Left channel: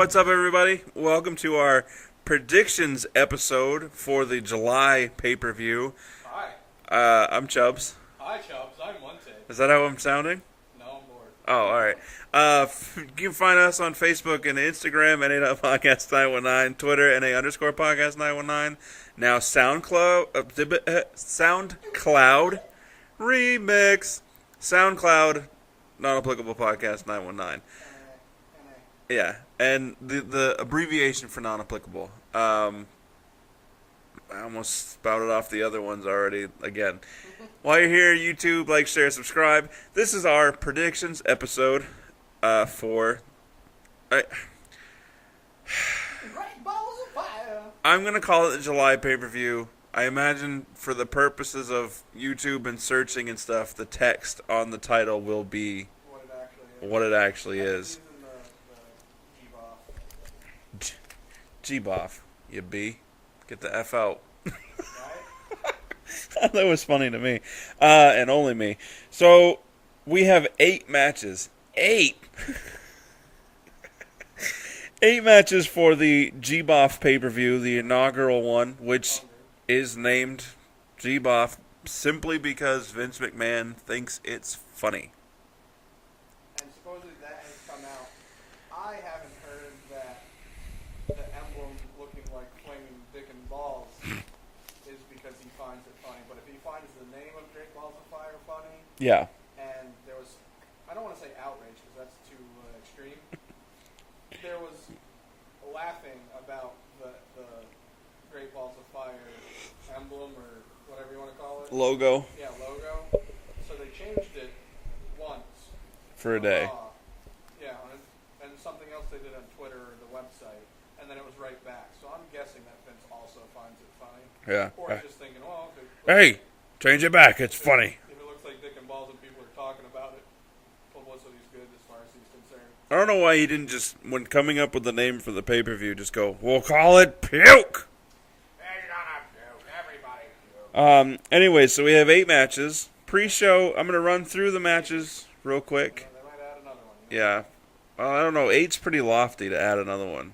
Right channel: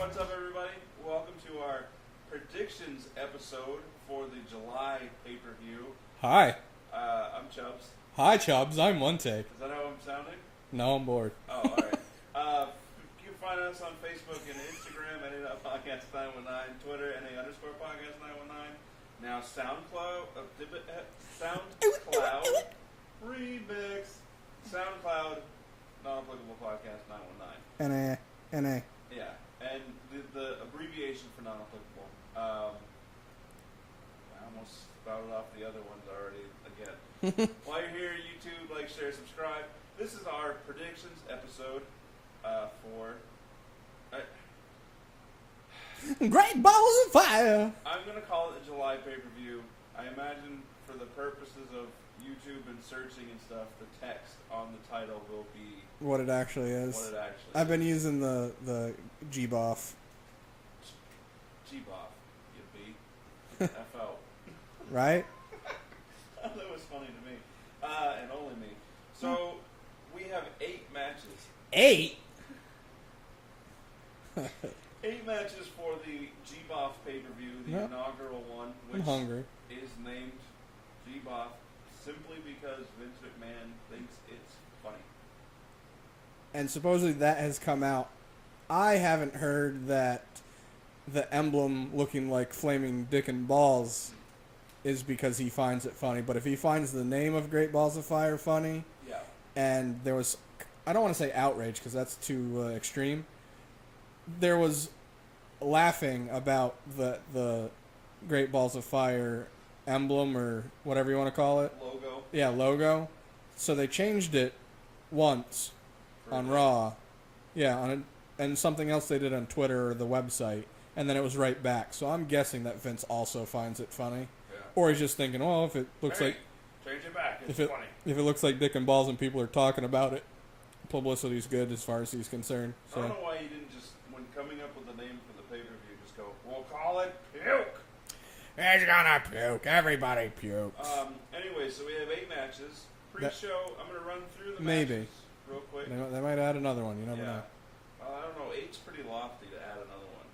What's up, everybody? Welcome to our predictions episode for the July pay-per-view. Hi. I'm Chubbs. Hi, Chubbs. I'm Lente. Is that how I'm sounding? No, I'm bored. Oh, all right. You can find us on Facebook and Instagram, NA.Podcast 919, Twitter, NA_Podcast 919. Now SoundCloud Remix. SoundCloud Non-Applicable Podcast 919. NA. Yeah, and the abbreviation for non-applicable. I almost spouted off the other ones already again. While you're here, YouTube, like, share, subscribe. This is our predictions episode for... Great balls of fire. I'm going to call it the July pay-per-view. I imagine for the purposes of YouTube and searching and stuff, the text on the title will be... What it actually is. I've been using the G-Boff. G-Boff, you B. Get the F out. Right? That was funny to me. And only me. So, we have 8 matches. 8! 8 matches for the G-Boff pay-per-view, the inaugural one, which is named G-Boff simply because Vince McMahon thinks it's funny. And supposedly that has come out. I haven't heard that the emblem looking like flaming dick and balls is because he finds it funny. But if he finds the name of Great Balls of Fire funny, yeah, and there was, I don't want to say outrage because that's too extreme. There was laughing about the Great Balls of Fire emblem or whatever you want to call it. Logo. Yeah, logo. So they changed it once for a on day. Raw. Yeah, and something else they did on Twitter or the website, and then it was right back. So I'm guessing that Vince also finds it funny. Yeah. Or he's just thinking, well, if it looks change it back. It's funny. If it looks like dick and balls and people are talking about it, publicity's good as far as he's concerned. So. I don't know why he didn't just, when coming up with the name for the pay-per-view, just go, we'll call it Puke. He's gonna puke. Everybody puke. Anyway, so we have 8 matches. Pre-show, I'm going to run through the matches real quick. They might add another one. You know. Yeah. Well, I don't know. 8's pretty lofty to add another one.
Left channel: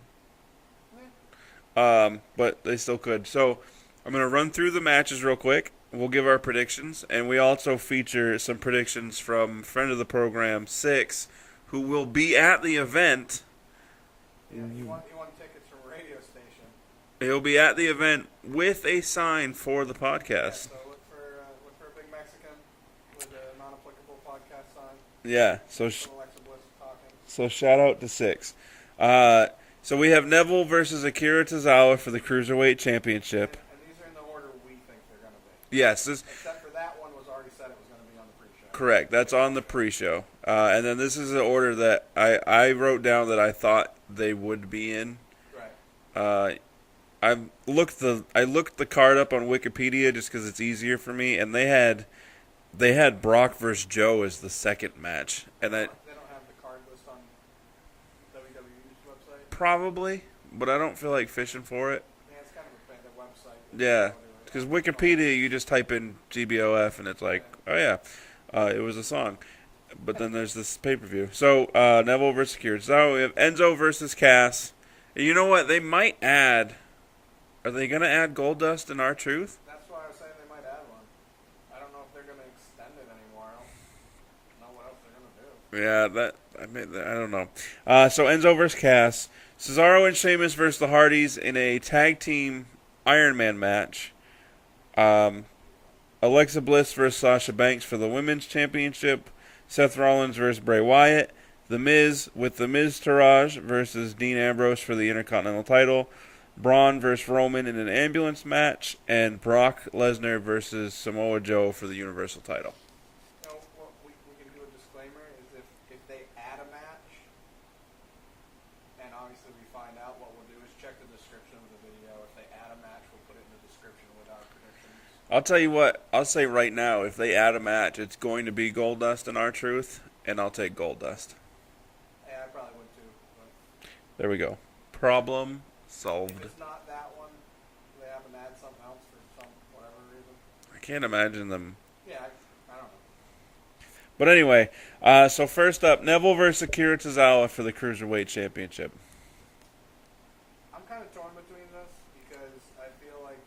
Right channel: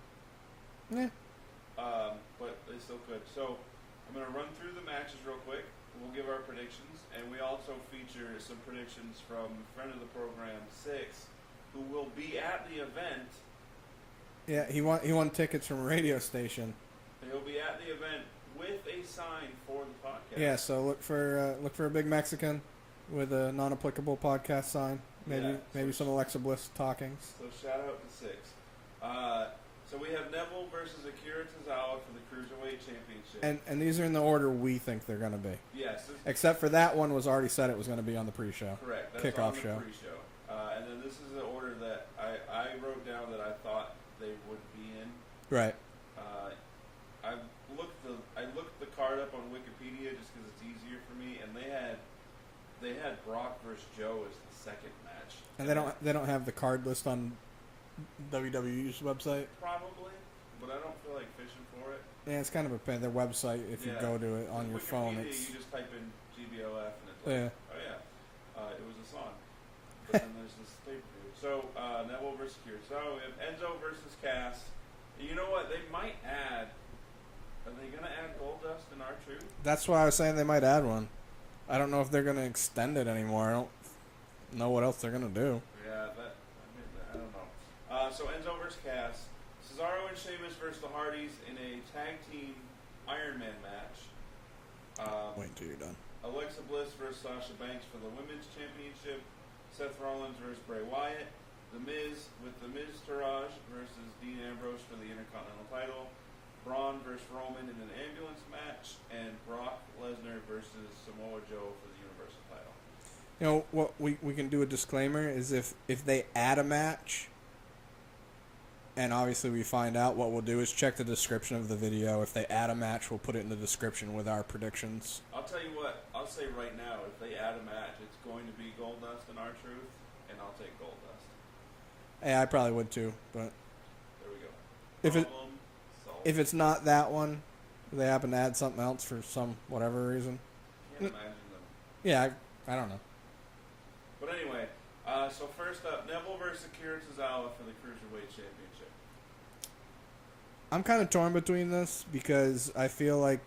Yeah. But they still could. So I'm going to run through the matches real quick. We'll give our predictions. And we also feature some predictions from friend of the program, 6, who will be at the event. Yeah, he won tickets from a radio station. He'll be at the event with a sign for the podcast. Yeah, so look for a big Mexican with a non-applicable podcast sign. Yeah, maybe some Alexa Bliss talking. So shout out to 6. So we have Neville versus Akira Tozawa for the Cruiserweight Championship. And these are in the order we think they're going to be. Yes. Except for that one was already said it was going to be on the pre-show. Correct. That's on the pre-show. And then this is the order that I wrote down that I thought they would be in. Right. I looked the card up on Wikipedia just because it's easier for me, and they had Brock versus Joe as the second match. And they don't have the card list on WWE's website? Probably, but I don't feel like fishing for it. Yeah, it's kind of a pain. Their website, if you go to it. Because Wikipedia, you just type in GBOF, and it's like, it was a song. But then there's this pay-per-view. So, Neville versus Akira. So, we have Enzo versus Cass. You know what? They might add... Are they going to add Goldust and R-Truth? That's why I was saying they might add one. I don't know if they're going to extend it anymore. I don't know what else they're going to do. Yeah, I don't know. So Enzo versus Cass. Cesaro and Sheamus versus the Hardys in a tag team Iron Man match. Alexa Bliss versus Sasha Banks for the Women's Championship. Seth Rollins versus Bray Wyatt. The Miz with the Miz Taraj versus Dean Ambrose for the Intercontinental title. Braun versus Roman in an ambulance match, and Brock Lesnar versus Samoa Joe for the Universal title. You know, what we can do a disclaimer is if they add a match, and obviously we find out, what we'll do is check the description of the video. If they add a match, we'll put it in the description with our predictions. I'll tell you what, I'll say right now, if they add a match, it's going to be Goldust and R-Truth, and I'll take Goldust. Yeah, I probably would too, but... There we go. Problem solved. If it's not that one, they happen to add something else for some whatever reason. I can't imagine them. Yeah, I don't know. But anyway, so first up, Neville versus Akira Tozawa for the Cruiserweight Championship. I'm kind of torn between this because I feel like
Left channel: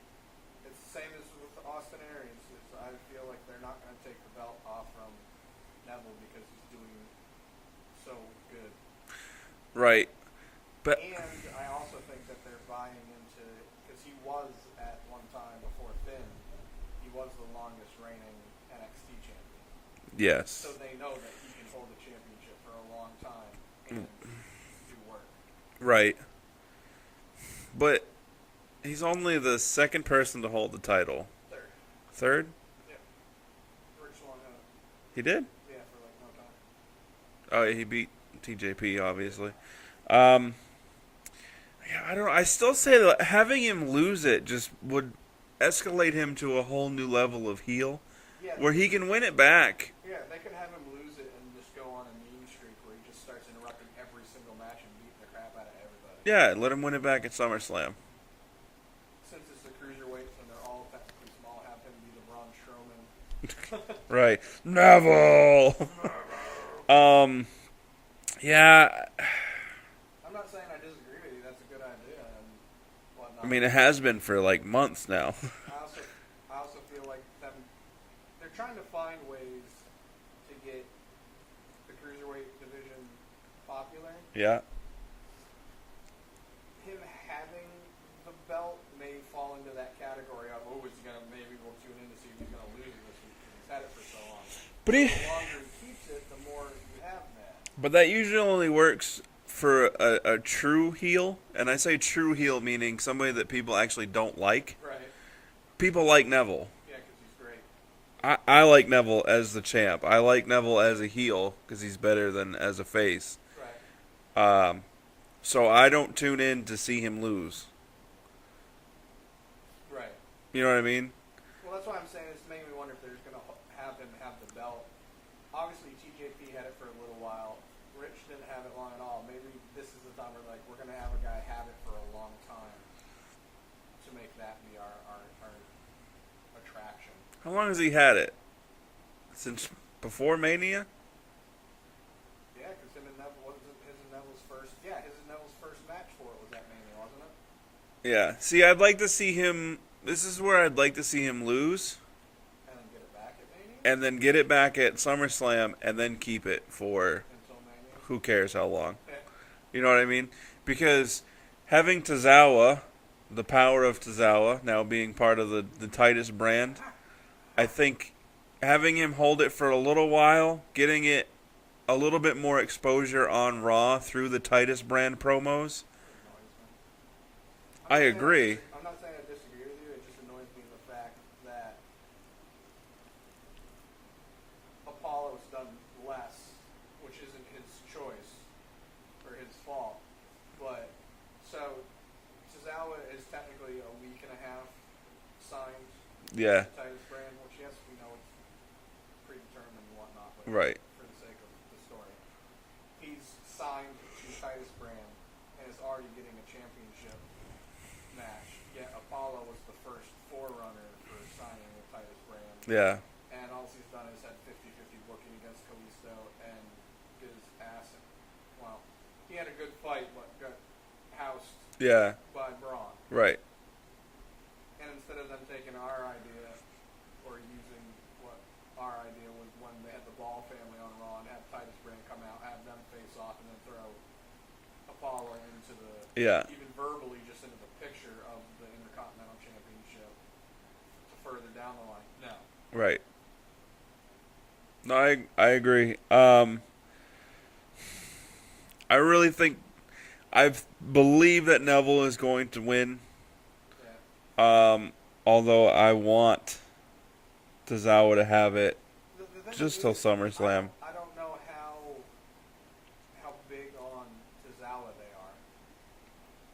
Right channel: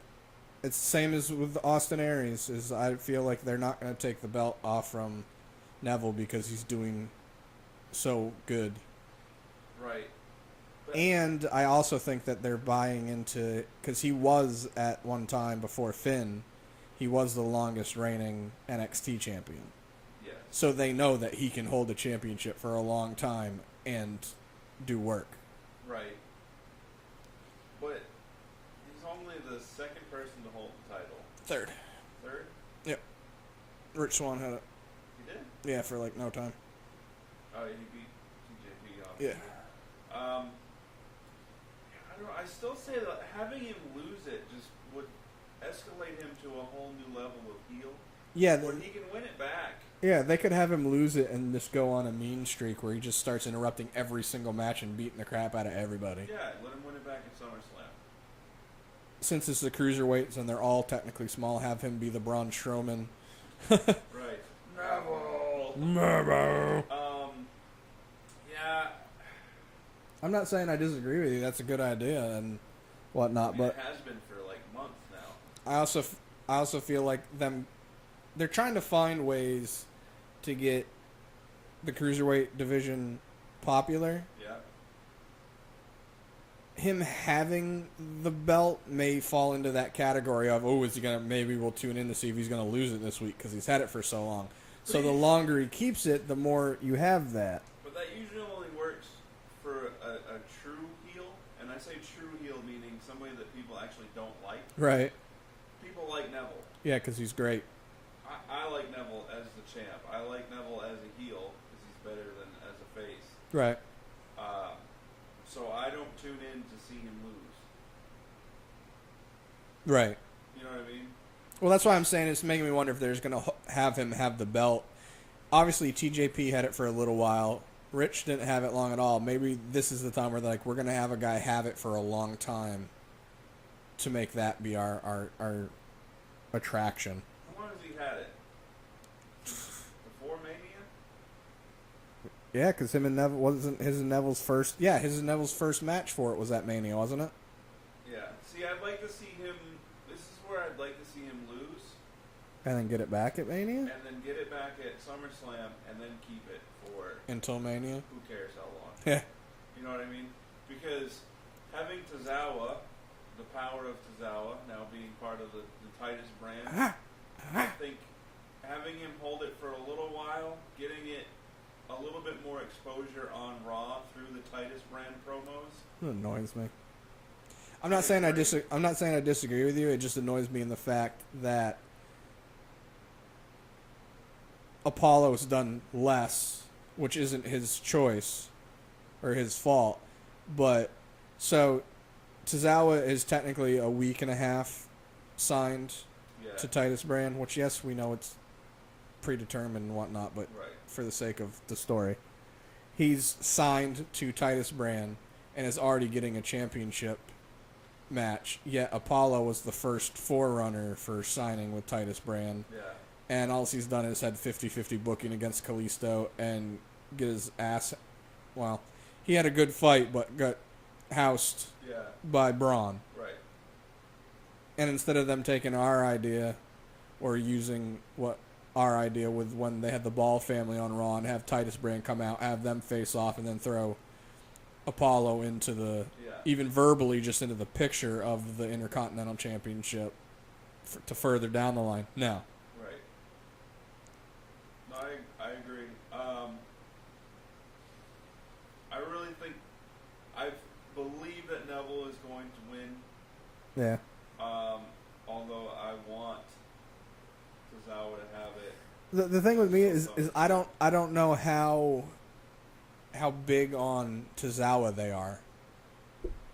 it's the same as with Austin Aries. Is I feel like they're not going to take the belt off from Neville because he's doing so good. Right. But And I also think that they're buying into, because he was at one time before Finn, he was the longest reigning NXT champion. yes. So they know that he can hold the championship for a long time and do work. Right. But he's only the second person to hold the title. Third. Third? Yep. Rich Swann had it. He did? Yeah, for like no time. Oh, yeah, he beat TJP, obviously. Yeah. Yeah, I don't know. I still say that having him lose it just would escalate him to a whole new level of heel Yeah, where he can win it back. yeah, they could have him lose it and just go on a mean streak where he just starts interrupting every single match and beating the crap out of everybody. Yeah, let him win it back at SummerSlam. Since it's the cruiserweights and they're all technically small, have him be the Braun Strowman. Right. Neville! Yeah, I'm not saying I disagree with you. That's a good idea and whatnot. I mean, but it has been for like months now. I also feel like they're trying to find ways to get the cruiserweight division popular. Yeah. Him having the belt may fall into that category of, oh, is he gonna? Maybe we'll tune in to see if he's gonna lose it this week because he's had it for so long. But so the longer he keeps it, the more you have that. But that usually only works for a true heel. And I say true heel meaning somebody that people actually don't like. Right. People like Neville. Yeah, because he's great. I like Neville as the champ. I like Neville as a heel because he's better than as a face. Right. So I don't tune in to see him lose. Right. You know what I mean? Well, that's why I'm saying it's making me wonder if there's going to have him have the belt. Obviously, TJP had it for a little while. Rich didn't have it long at all. Maybe this is the time where they're like, we're going to have a guy have it for a long time to make that be our attraction. How long has he had it? Since before Mania? Yeah, because him and Neville wasn't his and Neville's first. Yeah, his and Neville's first match for it was at Mania, wasn't it? Yeah. See, I'd like to see him. This is where I'd like to see him lose. And then get it back at Mania? And then get it back at SummerSlam and then keep it for Until Mania? who cares how long. Yeah. You know what I mean? Because having Tozawa, the power of Tozawa, now being part of the Titus brand, I think having him hold it for a little while, getting it a little bit more exposure on Raw through the Titus brand promos. It annoys me. I agree. I'm not saying I disagree with you. It just annoys me in the fact that Apollo's done less, which isn't his choice or his fault. But so Tozawa is technically a week and a half signed Yeah. to Titus brand, which yes, we know it's predetermined and whatnot, but Right. for the sake of the story, he's signed to Titus brand and is already getting a championship match. Yet Apollo was the first forerunner for signing with Titus brand. Yeah. And all he's done is had 50-50 booking against Kalisto and get his ass... Well, he had a good fight, but got housed Yeah. by Braun. Right. And instead of them taking our idea or using what our idea with when they had the Ball family on Raw and have Titus brand come out, have them face off, and then throw Apollo into the... Yeah. even verbally just into the picture of the Intercontinental Championship to further down the line. No. Right. No, I agree. I really think I believe that Neville is going to win. Yeah. Although I want Tozawa to have it. The thing Just with me till is SummerSlam. I don't know how big on Tozawa they are.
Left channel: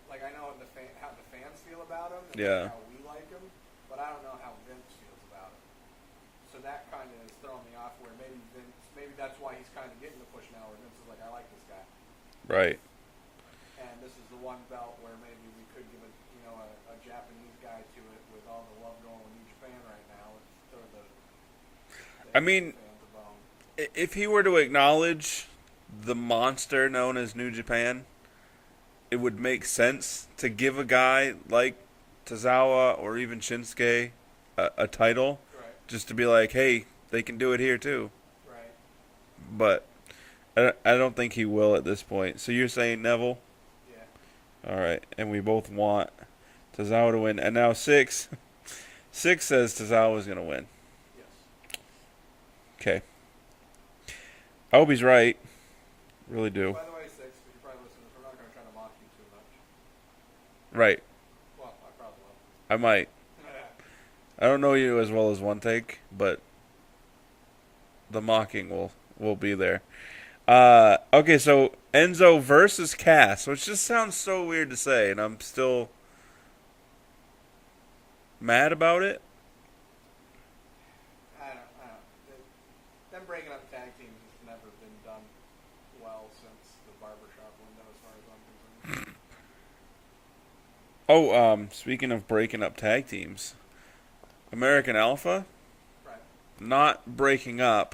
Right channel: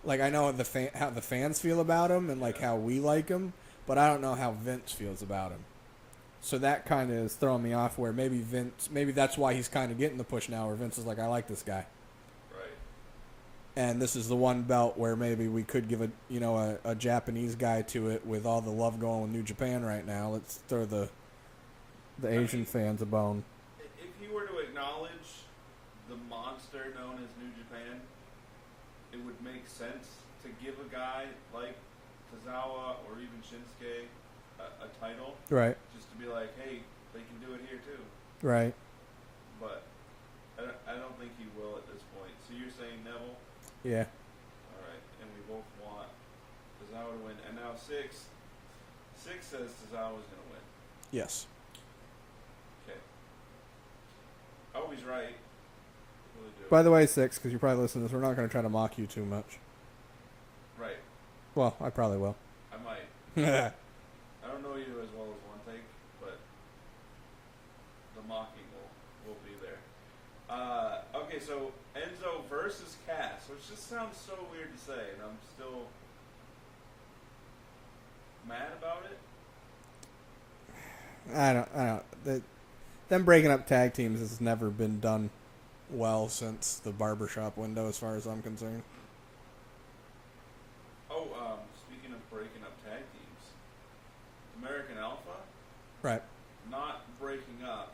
Like I know how the fans feel about him and like Yeah. how we like him, but I don't know how Vince feels about him. So that kind of is throwing me off. Where maybe that's why he's kind of getting the push now. Where Vince is like, I like this guy, Right. and this is the one belt where maybe we could give a Japanese guy to it with all the love going with New Japan right now. Let's throw the Asian fans a bone. If he were to acknowledge the monster known as New Japan, it would make sense to give a guy like Tozawa or even Shinsuke a title, Right. just to be like, hey, they can do it here too. Right. But I don't think he will at this point. So you're saying Neville? Yeah. All right, and we both want Tozawa to win. And now six says Tozawa's going to win. Yes. Okay. I hope he's right. Really do. By the way, 6, because you probably listen to this, we're not going to try to mock you too much. Right. Well, I probably will. I might. I don't know you as well as One Take, but the mocking will be there. Okay, so Enzo versus Cass, which just sounds so weird to say, and I'm still mad about it. I don't. Them breaking up tag teams has never been done well since the barbershop window, as far as I'm concerned. Oh, speaking of breaking up tag teams, American Alpha, Right. not breaking up,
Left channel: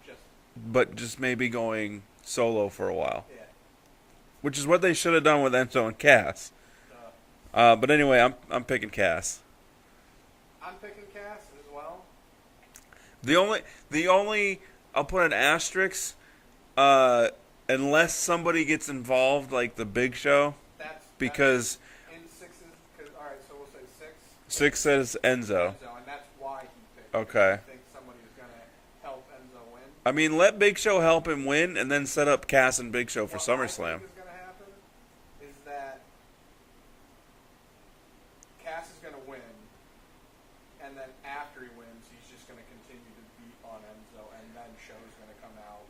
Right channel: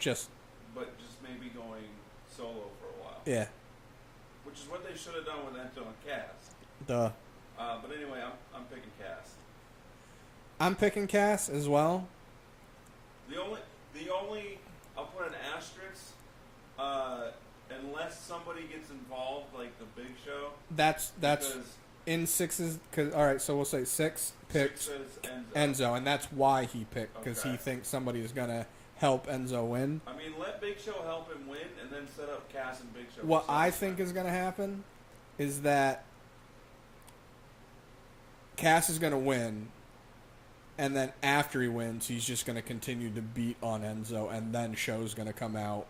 Just, but just maybe going solo for a while, yeah. which is what they should have done with Enzo and Cass. Duh. But anyway, I'm picking Cass. I'm picking Cass as well. The only I'll put an asterisk, unless somebody gets involved, like the Big Show, That's because in 6's. All right, so we'll say 6. 6 says Enzo. Enzo, and that's why he picked. Because Okay. he thinks somebody is gonna help Enzo win. I mean, let Big Show help him win, and then set up Cass and Big Show What for I SummerSlam. think is gonna happen is that Cass is gonna win, and then after he wins, he's just gonna continue to beat on Enzo, and then Show's gonna come out,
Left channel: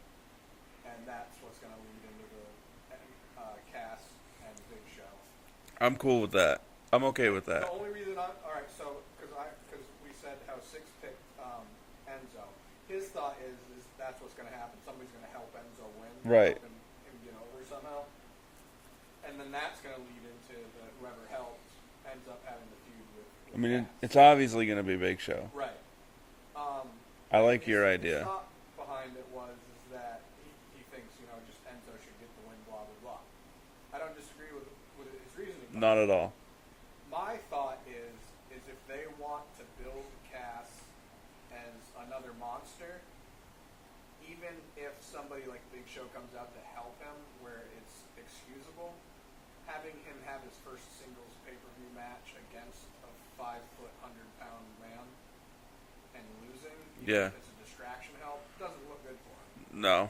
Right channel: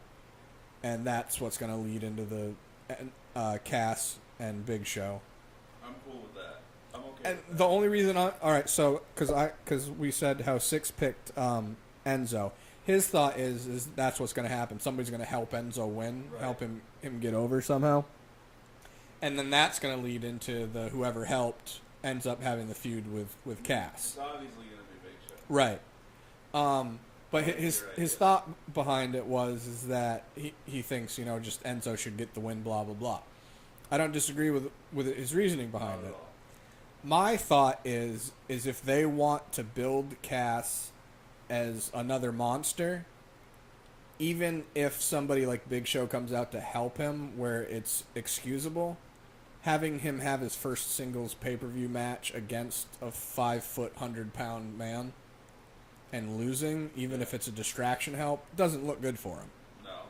and that's what's gonna lead into the Cass and Big Show. I'm cool with that. I'm okay with that. The only reason all right, so because we said how 6 picked Enzo, his thought is that's what's going to happen. Somebody's going to help Enzo win, Right. help him get over somehow, and then that's going to lead into the whoever helped ends up having the feud with I mean, Cass. it's obviously going to be Big Show. Right. I But like your idea. His thought behind it is that he thinks just Enzo should get the win. Blah blah blah. I don't disagree with his reasoning behind Not it. at all. My thought is if they want to build Cass as another monster, even if somebody like Big Show comes out to help him where it's excusable, having him have his first singles pay-per-view match against a 5-foot, 100-pound man and losing, even Yeah. if it's a distraction help, doesn't look good for him. No.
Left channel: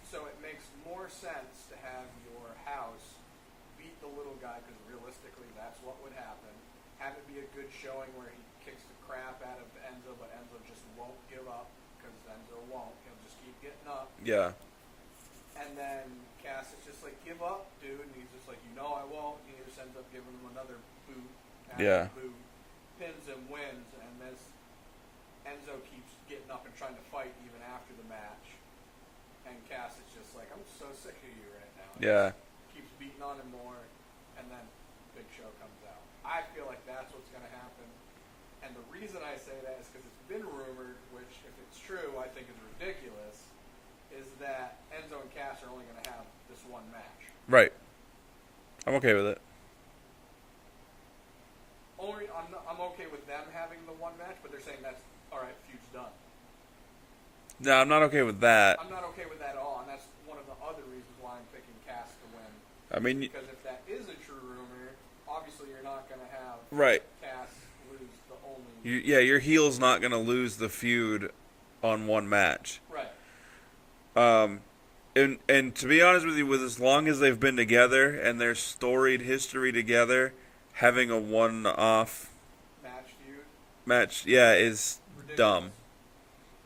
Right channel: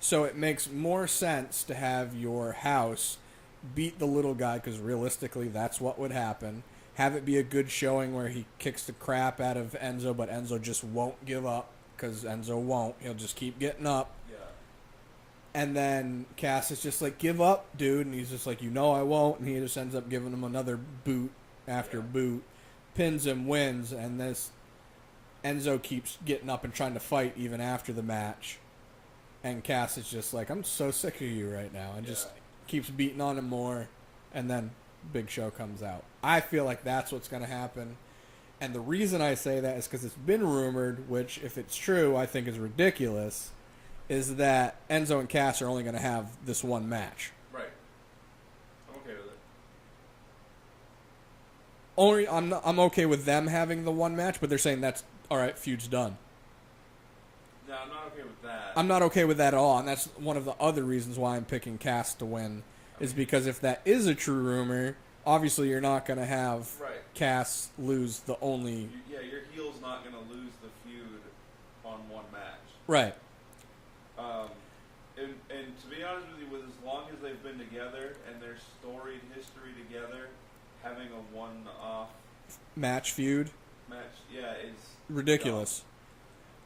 So it makes more sense to have your house beat the little guy, because realistically that's what would happen. Have it be a good showing where he kicks the crap out of Enzo, but Enzo just won't give up, because Enzo won't. He'll just keep getting up. Yeah. And then Cass is just like, give up, dude. And he's just like, I won't. And he just ends up giving him another boot after boot. Pins him, wins. And this Enzo keeps getting up and trying to fight even after the match. And Cass is just like, I'm so sick of you right now. And just keeps beating on him more. And then Big Show comes out. I feel like that's what's going to happen. And the reason I say that is because it's been rumored, which if it's true, I think is ridiculous, is that Enzo and Cass are only going to have this one match. Right. I'm okay with it. I'm okay with them having the one match, but they're saying that's all right. Feud's done. No, I'm not okay with that. I'm not okay with that at all, and that's one of the other reasons why I'm picking Cass to win. Because if that is a true rumor, obviously you're not going to have Cass lose the only. Your heel's not going to lose the feud on one match. Right. And to be honest with you, with as long as they've been together and their storied history together, having a one-off match is ridiculous. Dumb.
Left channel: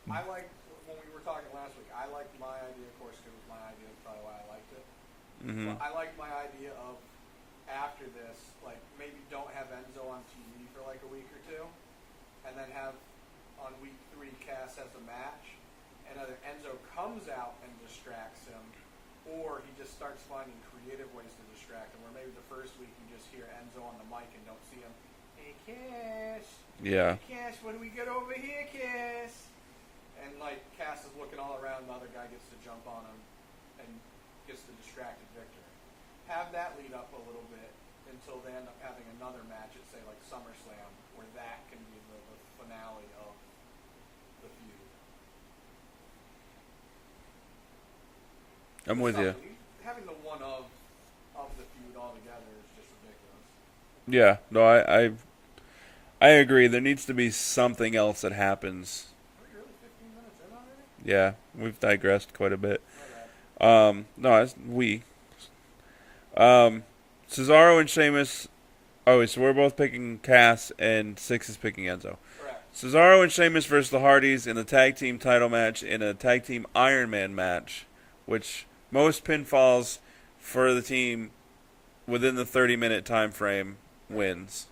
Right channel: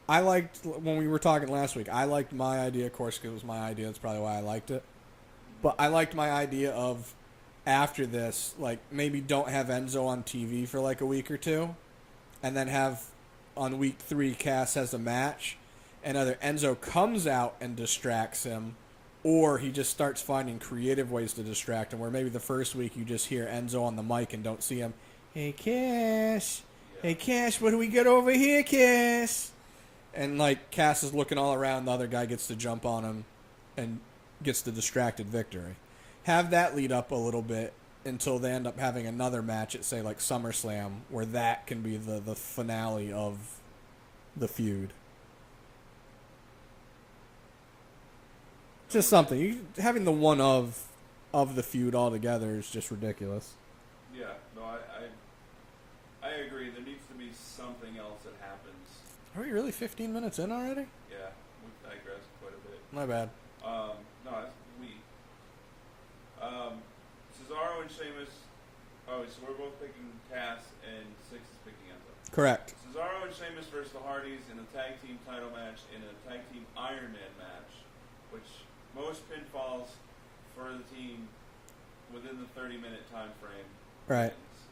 I liked, when we were talking last week, I liked my idea. Of course, it was my idea. That's probably why I liked it. Mm-hmm. But I liked my idea of, after this, like, maybe don't have Enzo on TV for like a week or two, and then have, on week 3, Cass has a match, and either Enzo comes out and distracts him, or he just starts finding creative ways to distract him, where maybe the first week you just hear Enzo on the mic and don't see him. Hey, Cass. Yeah. Hey, Cass, what do we got over here, Cass? And, like, Cass is looking all around. The other guy gets to jump on him and gets the distracted victory. have that lead up a little bit until they end up having another match at, say, like SummerSlam, where that can be the finale of the feud. I'm Just with something. you. Having the one of the feud altogether is just ridiculous. Yeah, no, I agree. There needs to be something else that happens. Are we really 15 minutes in already? Yeah, we've digressed quite a bit. My bad. No, it's we. Cesaro and Sheamus. Oh, so we're both picking Cass, and Six is picking Enzo. Correct. Cesaro and Sheamus versus the Hardys in a tag team title match in a tag team Iron Man match, which most pinfalls for the team within the 30-minute time frame wins.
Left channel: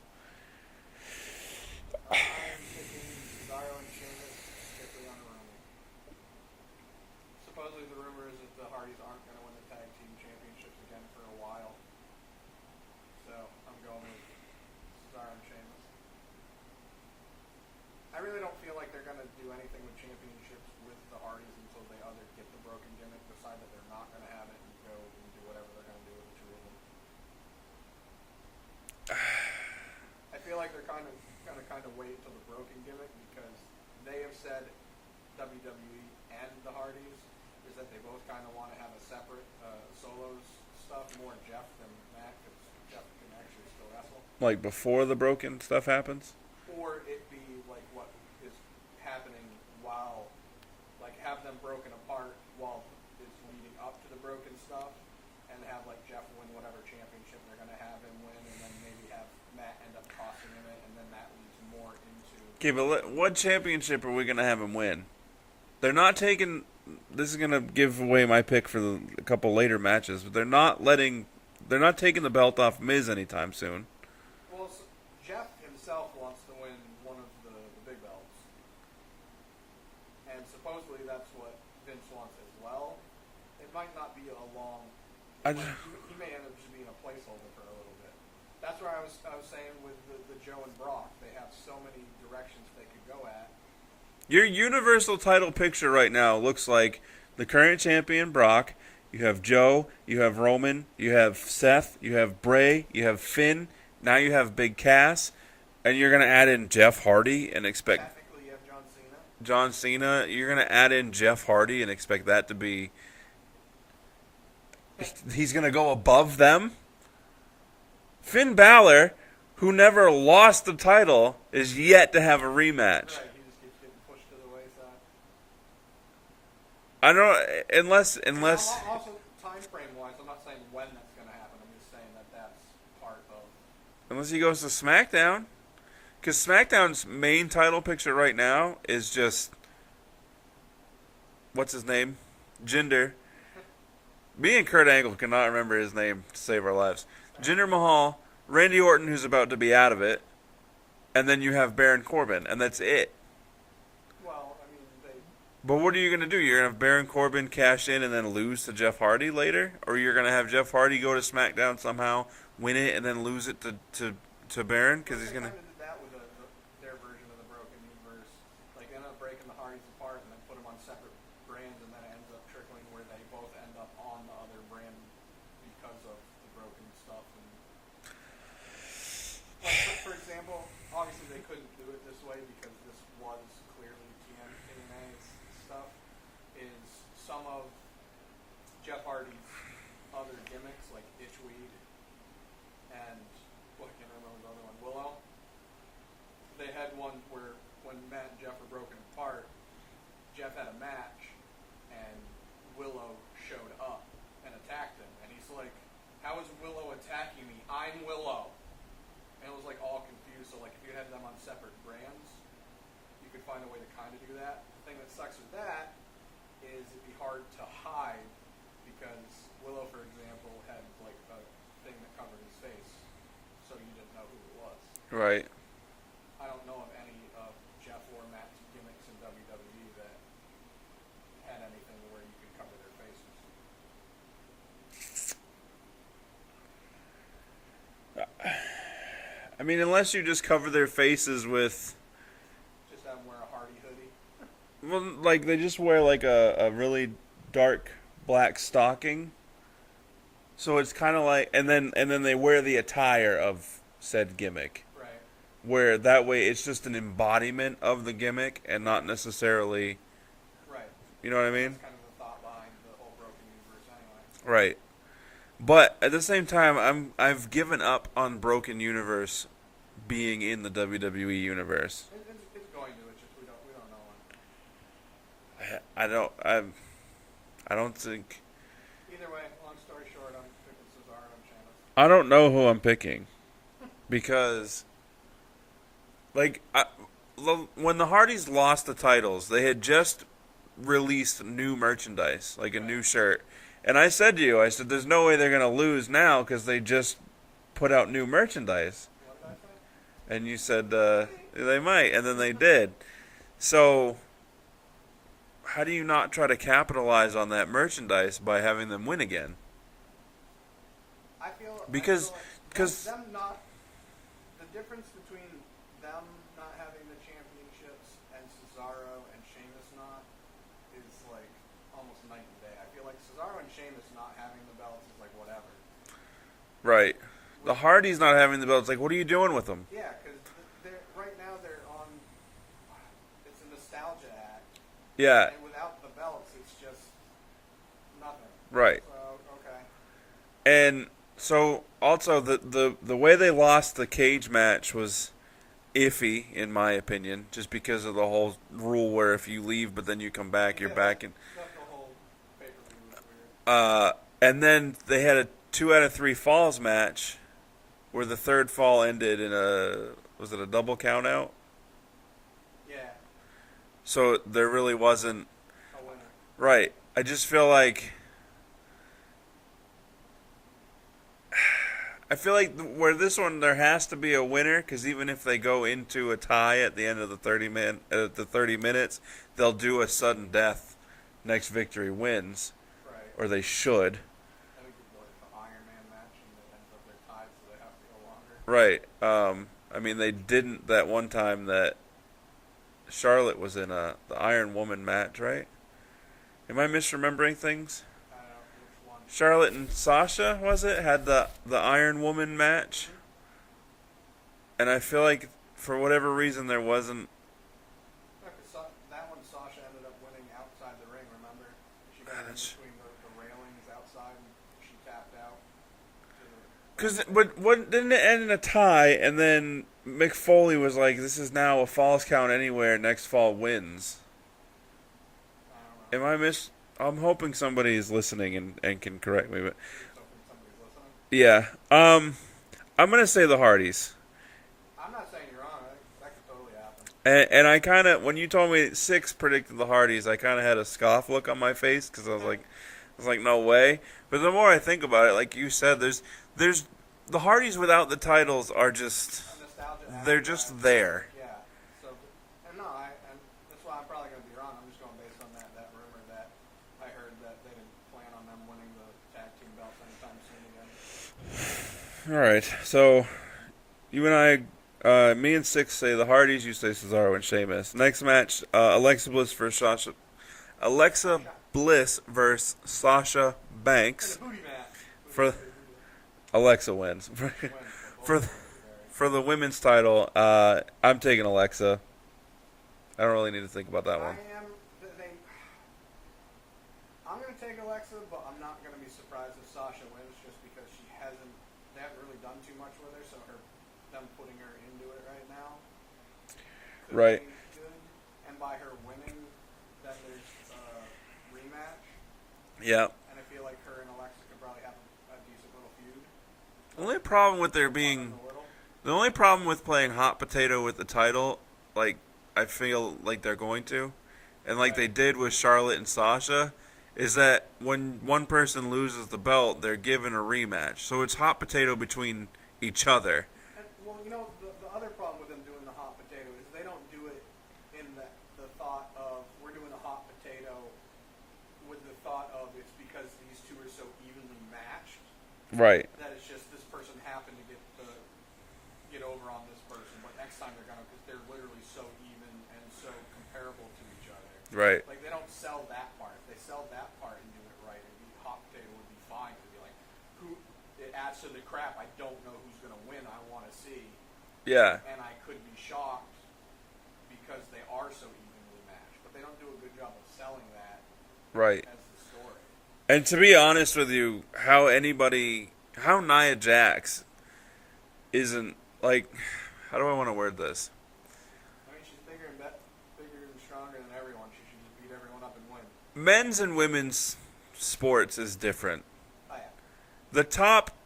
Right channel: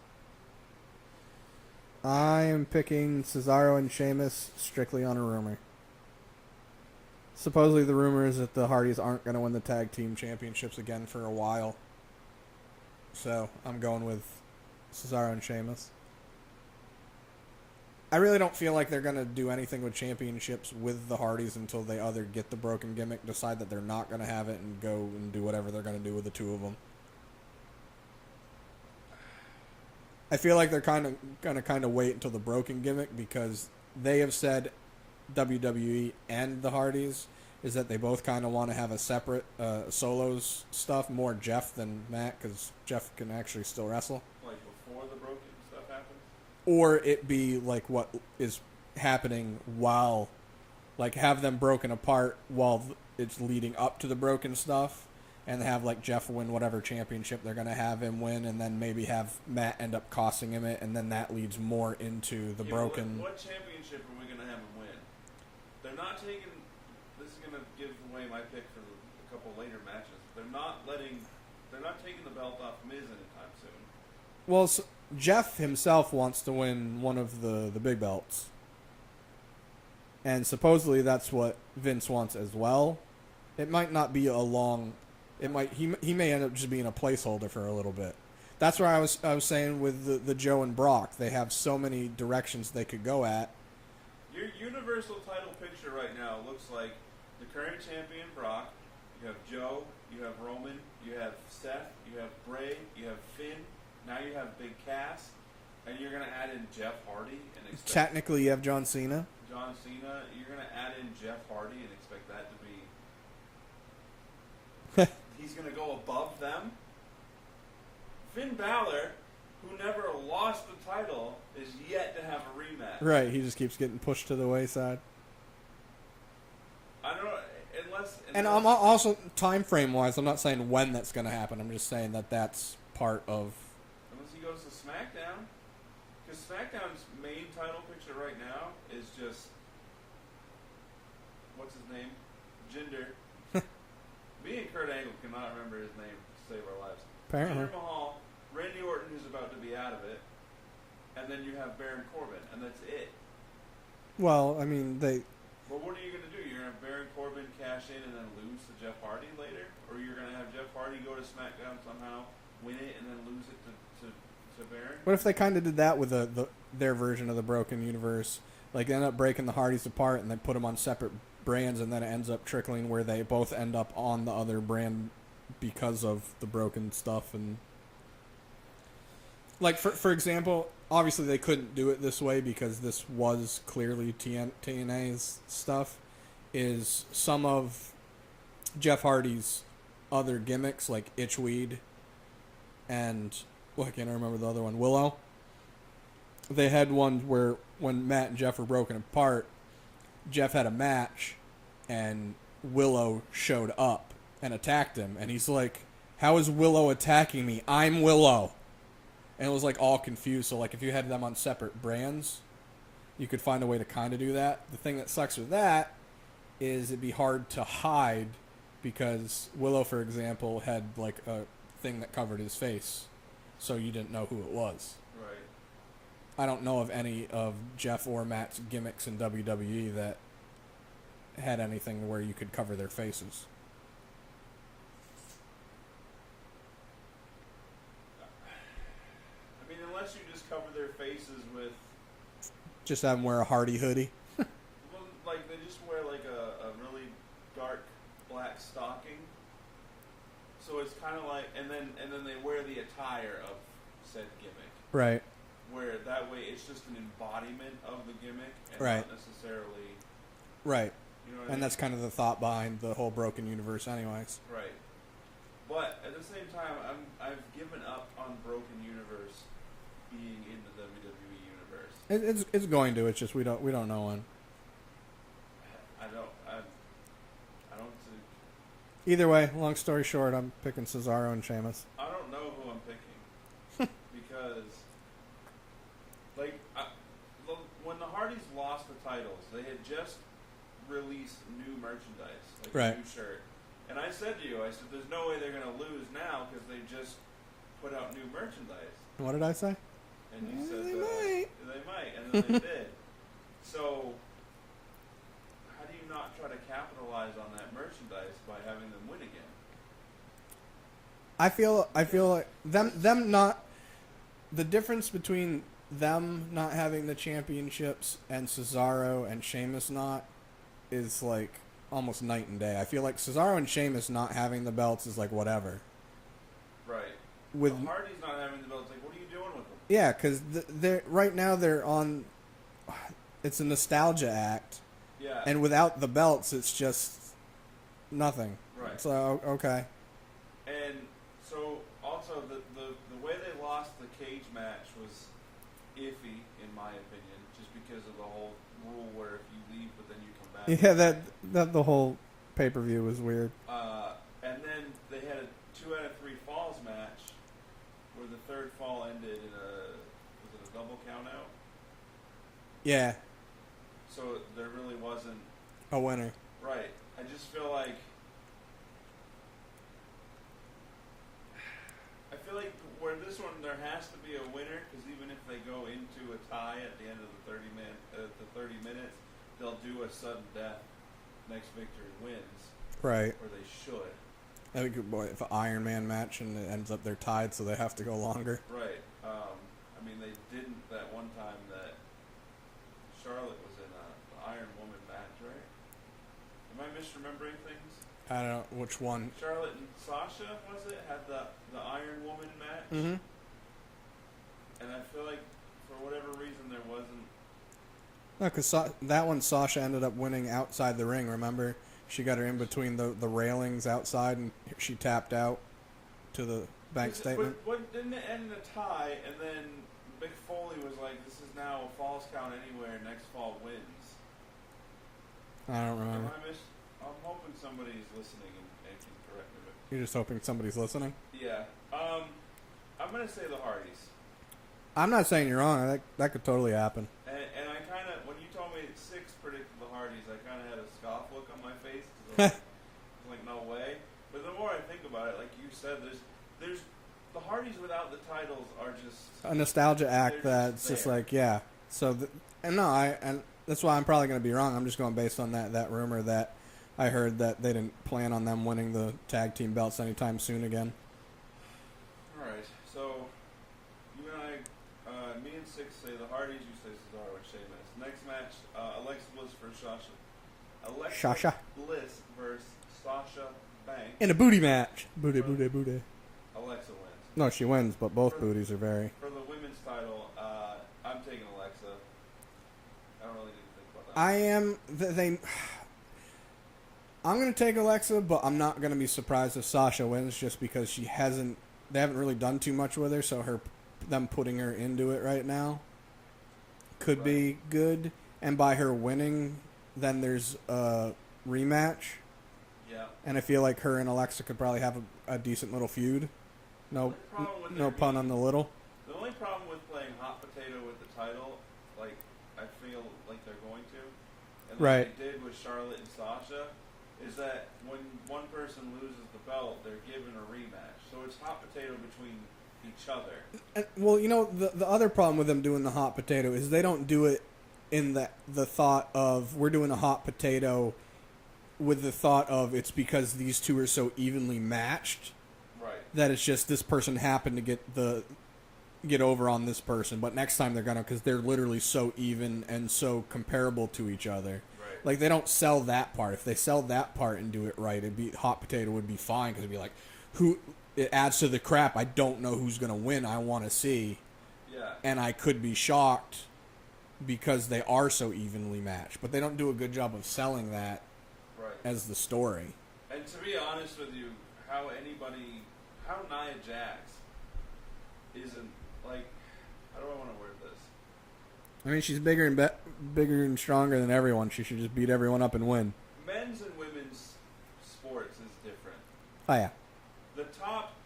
I am picking Cesaro and Sheamus strictly on a rumor. Supposedly the rumor is that the Hardys aren't going to win the tag team championships again for a while. So I'm going with Cesaro and Sheamus. I really don't feel like they're going to do anything with championships with the Hardys until they either get the broken gimmick, decide that they're not going to have it, and go and do whatever they're going to do with the two of them. I feel like they're going to wait until the broken gimmick, because they have said, WWE and the Hardys, is that they both kind of want to have a separate solos stuff, more Jeff than Matt, because Jeff can actually still wrestle. Like before the broken stuff happens? Or it be like what is happening while, like have them broken apart while it's leading up to the broken stuff, and have like Jeff win whatever championship they're going to have him win, and then maybe have Matt end up costing him it, and then that leads more into the broken... Okay, but what championship are we going to have him win? They're not taking... This is going to give away my pick for a couple later matches, but they're not taking the belt off Miz anytime soon. Well, so Jeff himself wants to win one of the big belts. And supposedly that's what Vince wants as well. It might not be a long... He may end up just being a placeholder for a little bit. That's where I was saying with the Joe and Brock. They have so many directions they could go at. Your Universal title picture right now looks like the current champion, Brock. You have Joe. You have Roman. You have Seth. You have Bray. You have Finn. Now you have Big Cass. And you're going to add in Jeff Hardy and expect... Technically, you have John Cena. John Cena. You're going to add in Jeff Hardy and expect that to be... He's going to go above them? Finn Balor, who never lost the title, is yet to have a rematch. Right, he just keeps getting pushed to the wayside. I don't... Unless... And I'm also, time frame-wise, I'm not saying when that's going to happen. I'm just saying that that's part of... Unless he goes to SmackDown. Because SmackDown's main title picture right now is just... What's his name? Jinder. Me and Kurt Angle cannot remember his name to save our lives. Apparently. Jinder Mahal, Randy Orton, who's about to be out of it, and then you have Baron Corbin, and that's it. Well, I mean, they... But what are you going to do? You're going to have Baron Corbin cash in and then lose to Jeff Hardy later? Or you're going to have Jeff Hardy go to SmackDown somehow, win it, and then lose it to Baron? What if they kind of did that with their version of the Broken Universe? Like, they end up breaking the Hardys apart and then put them on separate brands, and then it ends up trickling where they both end up on the other brand because of the broken stuff. And like, for example, obviously they couldn't do it this way because this was clearly TNA's stuff, is some of Jeff Hardy's other gimmicks, like Itchweed and, well, I can't remember the other one, Willow. They had one where when Matt and Jeff were broken apart, Jeff had a match, and Willow showed up and attacked him. And he's like, how is Willow attacking me? I'm Willow. And it was like all confused. So like if you had them on separate brands, you could find a way to kind of do that. The thing that sucks with that is it'd be hard to hide, because Willow, for example, had like a thing that covered his face, so you didn't know who it was. Right. I don't know of any of Jeff or Matt's gimmicks in WWE that had anything where you could cover their faces. I mean, unless you just cover their faces with... Just have them wear a Hardy hoodie. Well, like, they just wear, like, a really dark black stocking. So it's kind of like, and then they wear the attire of said gimmick, Right. where that way it's just an embodiment of the gimmick and not Right. necessarily, Right. you know what I And mean? that's kind of the thought behind the whole broken universe, anyways. Right. But at the same time, I've given up on Broken Universe being in the WWE universe. It's going to. It's just we don't know when. I don't think. Either way, long story short, I'm picking Cesaro and Sheamus. I don't know who I'm picking because, like, when the Hardys lost the titles, they had just released new merchandise, like a Right. new shirt. And I said to you, I said, "There's no way they're gonna lose now because they just put out new merchandise." What did I say? And you said They they might, and then they did. So, how do you not try to capitalize on that merchandise by having them win again? I feel Because- like them not the difference between them not having the championships and Cesaro and Sheamus not is like almost night and day. I feel like Cesaro and Sheamus not having the belts is like whatever. Right. With, The Hardys not having the belts, like, what are you doing with them? yeah, because they're right now they're on. It's a nostalgia act, Yeah. and without the belts, it's just nothing. Right. So okay, And so also the way they lost the cage match was iffy in my opinion, just because of the whole rule where if you leave but then you come back, yeah, you're back. that the whole pay-per-view was weird. And then they had a 2 out of 3 falls match where the third fall ended in was it a double count out? Yeah, So there really wasn't. a winner. Right. I just feel like where this one there has to be a winner, because even if they go into a tie at the end of the 30 minutes, they'll do a sudden death. Next victory wins, Right. or they should. That would be boy, if an Iron Man match and it ends up they're tied, so they have to go longer. Right. I mean, they didn't that one time that Charlotte was in the Iron Woman match, right? Am I misremembering things? I don't know which one. Charlotte and Sasha, was it, had the Iron Woman match? Mm-hmm. And I feel like for whatever reason there wasn't. No, because that one Sasha ended up winning outside the ring. Remember, she got her in between the railings outside, and she tapped out to the bank statement. What didn't it end in a tie? And then Mick Foley was like, "This is now a falls count anywhere. Next fall wins." I don't remember. I'm hoping somebody is listening and can correct me, but You're just hoping somebody's listening. yeah. I'm gonna say the Hardys. I'm not saying you're wrong. That could totally happen. And I kind of, when you told me 6 predicted the Hardys, I kind of had a scoff look on my face because I was like, no way. But the more I think about it, like you said, there's the Hardys without the titles are just A nostalgia act. They're just that's there. like, yeah. So, and that's why I'm probably going to be wrong. I'm just going based on that rumor that I heard that they didn't plan on them winning the tag team belts anytime soon again. all right. So you and I, me and Six say the Hardys. You say Cesaro and Sheamus. Next match, Alexa Bliss versus Sasha. Sasha. Bliss versus Sasha Banks. In a booty match. For- Booty. Alexa wins. No, she wins, but both For- booties are very. For the women's title, I'm taking Alexa. I don't really need to think about that I one. am. I'm going to take Alexa, but I'm not going to be surprised if Sasha wins just because they haven't really done too much with her, so them putting her into it right now could Right. be good. And by her winning, then there's a rematch. Yeah. And I feel like her and Alexa could probably have a decent little feud. The only problem with there no pun on being the little. the only problem with playing hot potato with the title, like I feel like they're going to, and like Right. they did with Charlotte and Sasha, is that when one person loses the belt, they're given a rematch. So it's hot potato between each other. And, well, you know, the other problem with them doing the hot potato is they don't do it in the thought of we're doing a hot potato with the thought of it's because these two are so evenly matched Right. that it's just this person happened to get over on this person, but next time they're gonna, because they're literally so even and so comparable to each other. Right. Like they don't sell that part. If they sell that part and do it right, it'd be hot potato would be fine because it'd be like, who it adds to the crap. I don't know who's going to win. I want to see. Yeah. And I could be shocked because they are so evenly matched. But they don't do a good job of selling that Right. as the story. And to be honest with you, how Nia Jax isn't, like, how do I want to word this? I mean, she's bigger and stronger than everyone. She should just beat everyone up and win. Men's and women's sports is different. Oh, yeah. The top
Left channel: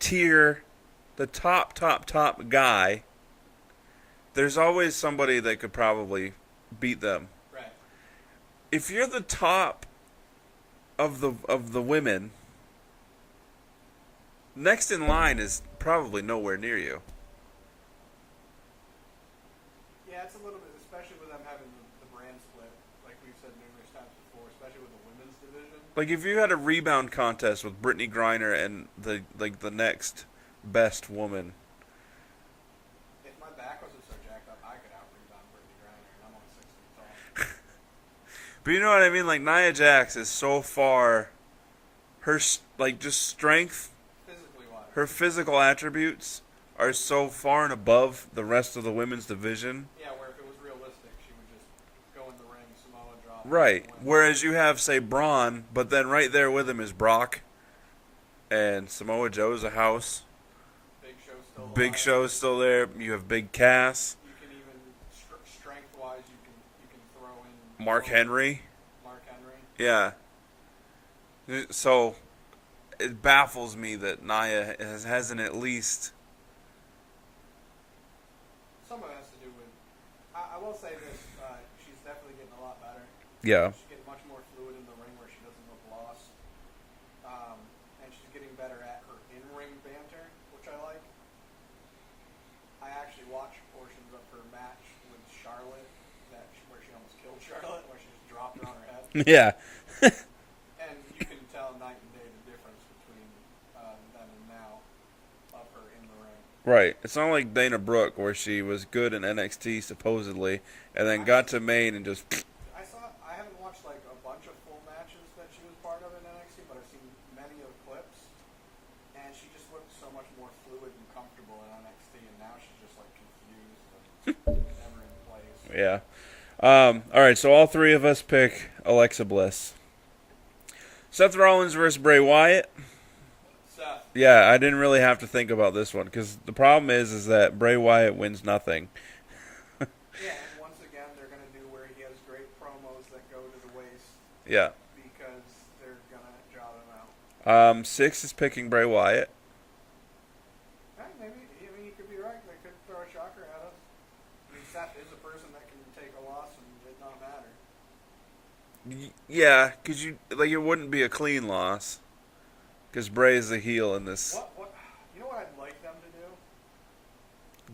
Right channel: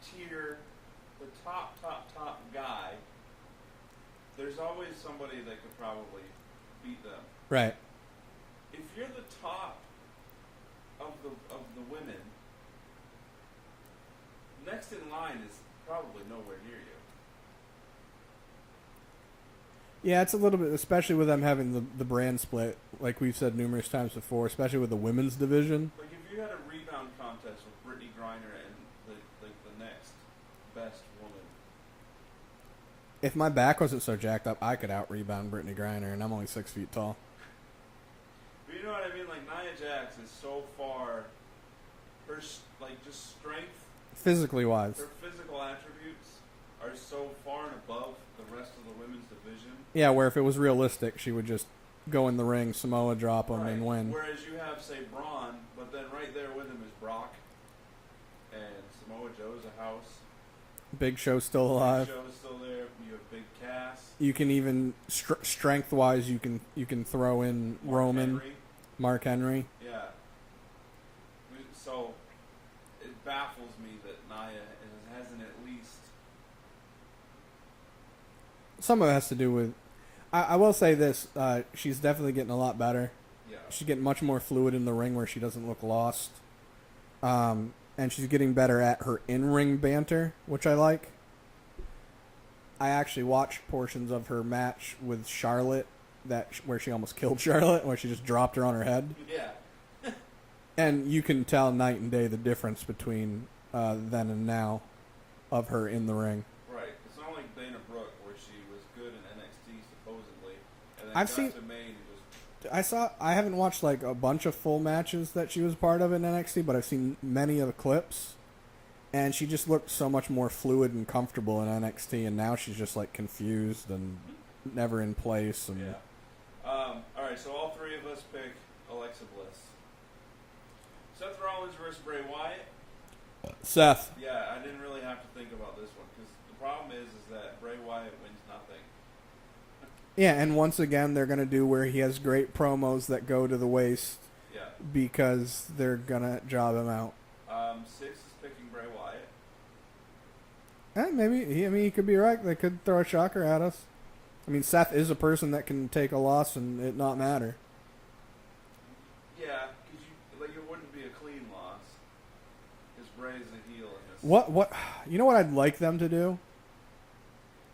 tier, the top guy, there's always somebody that could probably beat them. Right. If you're the top of the women, next in line is probably nowhere near you. Yeah, it's a little bit, especially with them having the brand split, like we've said numerous times before, especially with the women's division. Like if you had a rebound contest with Brittany Griner and the next best woman. If my back wasn't so jacked up, I could out-rebound Brittany Griner, and I'm only 6 feet tall. But you know what I mean? Like Nia Jax is so far, her like just strength, Physically wise. her physical attributes are so far and above the rest of the women's division. Yeah, where if it was realistic, she would just go in the ring, Samoa drop, Right. and win. Whereas you have, say, Braun, but then right there with him is Brock, and Samoa Joe's a house. Big Show's still alive. Big Show's still there. You have Big Cass. You can even strength-wise, you can throw in Mark Roman, Henry. Mark Henry. Yeah. So it baffles me that Nia hasn't at least. Some of it has to do with. I will say this: she's definitely getting a lot better. Yeah. She's getting much more fluid in the ring, where she doesn't look lost. And she's getting better at her in-ring banter, which I like. I actually watched portions of her match with Charlotte, where she almost killed Charlotte, where she just dropped her on her head. Yeah. And you can tell night and day the difference between then and now of her in the ring. Right. It's not like Dana Brooke, where she was good in NXT supposedly, and then got to Maine and just. I haven't watched like a bunch of full matches that she was part of in NXT, but I've seen many of the clips, and she just looked so much more fluid and comfortable in NXT, and now she's just like confused and never in place. Yeah. All right, so all three of us pick Alexa Bliss. Seth Rollins versus Bray Wyatt. Seth. Yeah, I didn't really have to think about this one because the problem is that Bray Wyatt wins nothing. Yeah, and once again, they're going to do where he has great promos that go to the waist. Yeah. Because they're going to job him out. 6 is picking Bray Wyatt. Maybe. He could be right. They could throw a shocker at us. I mean, Seth is a person that can take a loss and it not matter. Yeah, because it wouldn't be a clean loss. Because Bray is the heel in this. What? You know what I'd like them to do?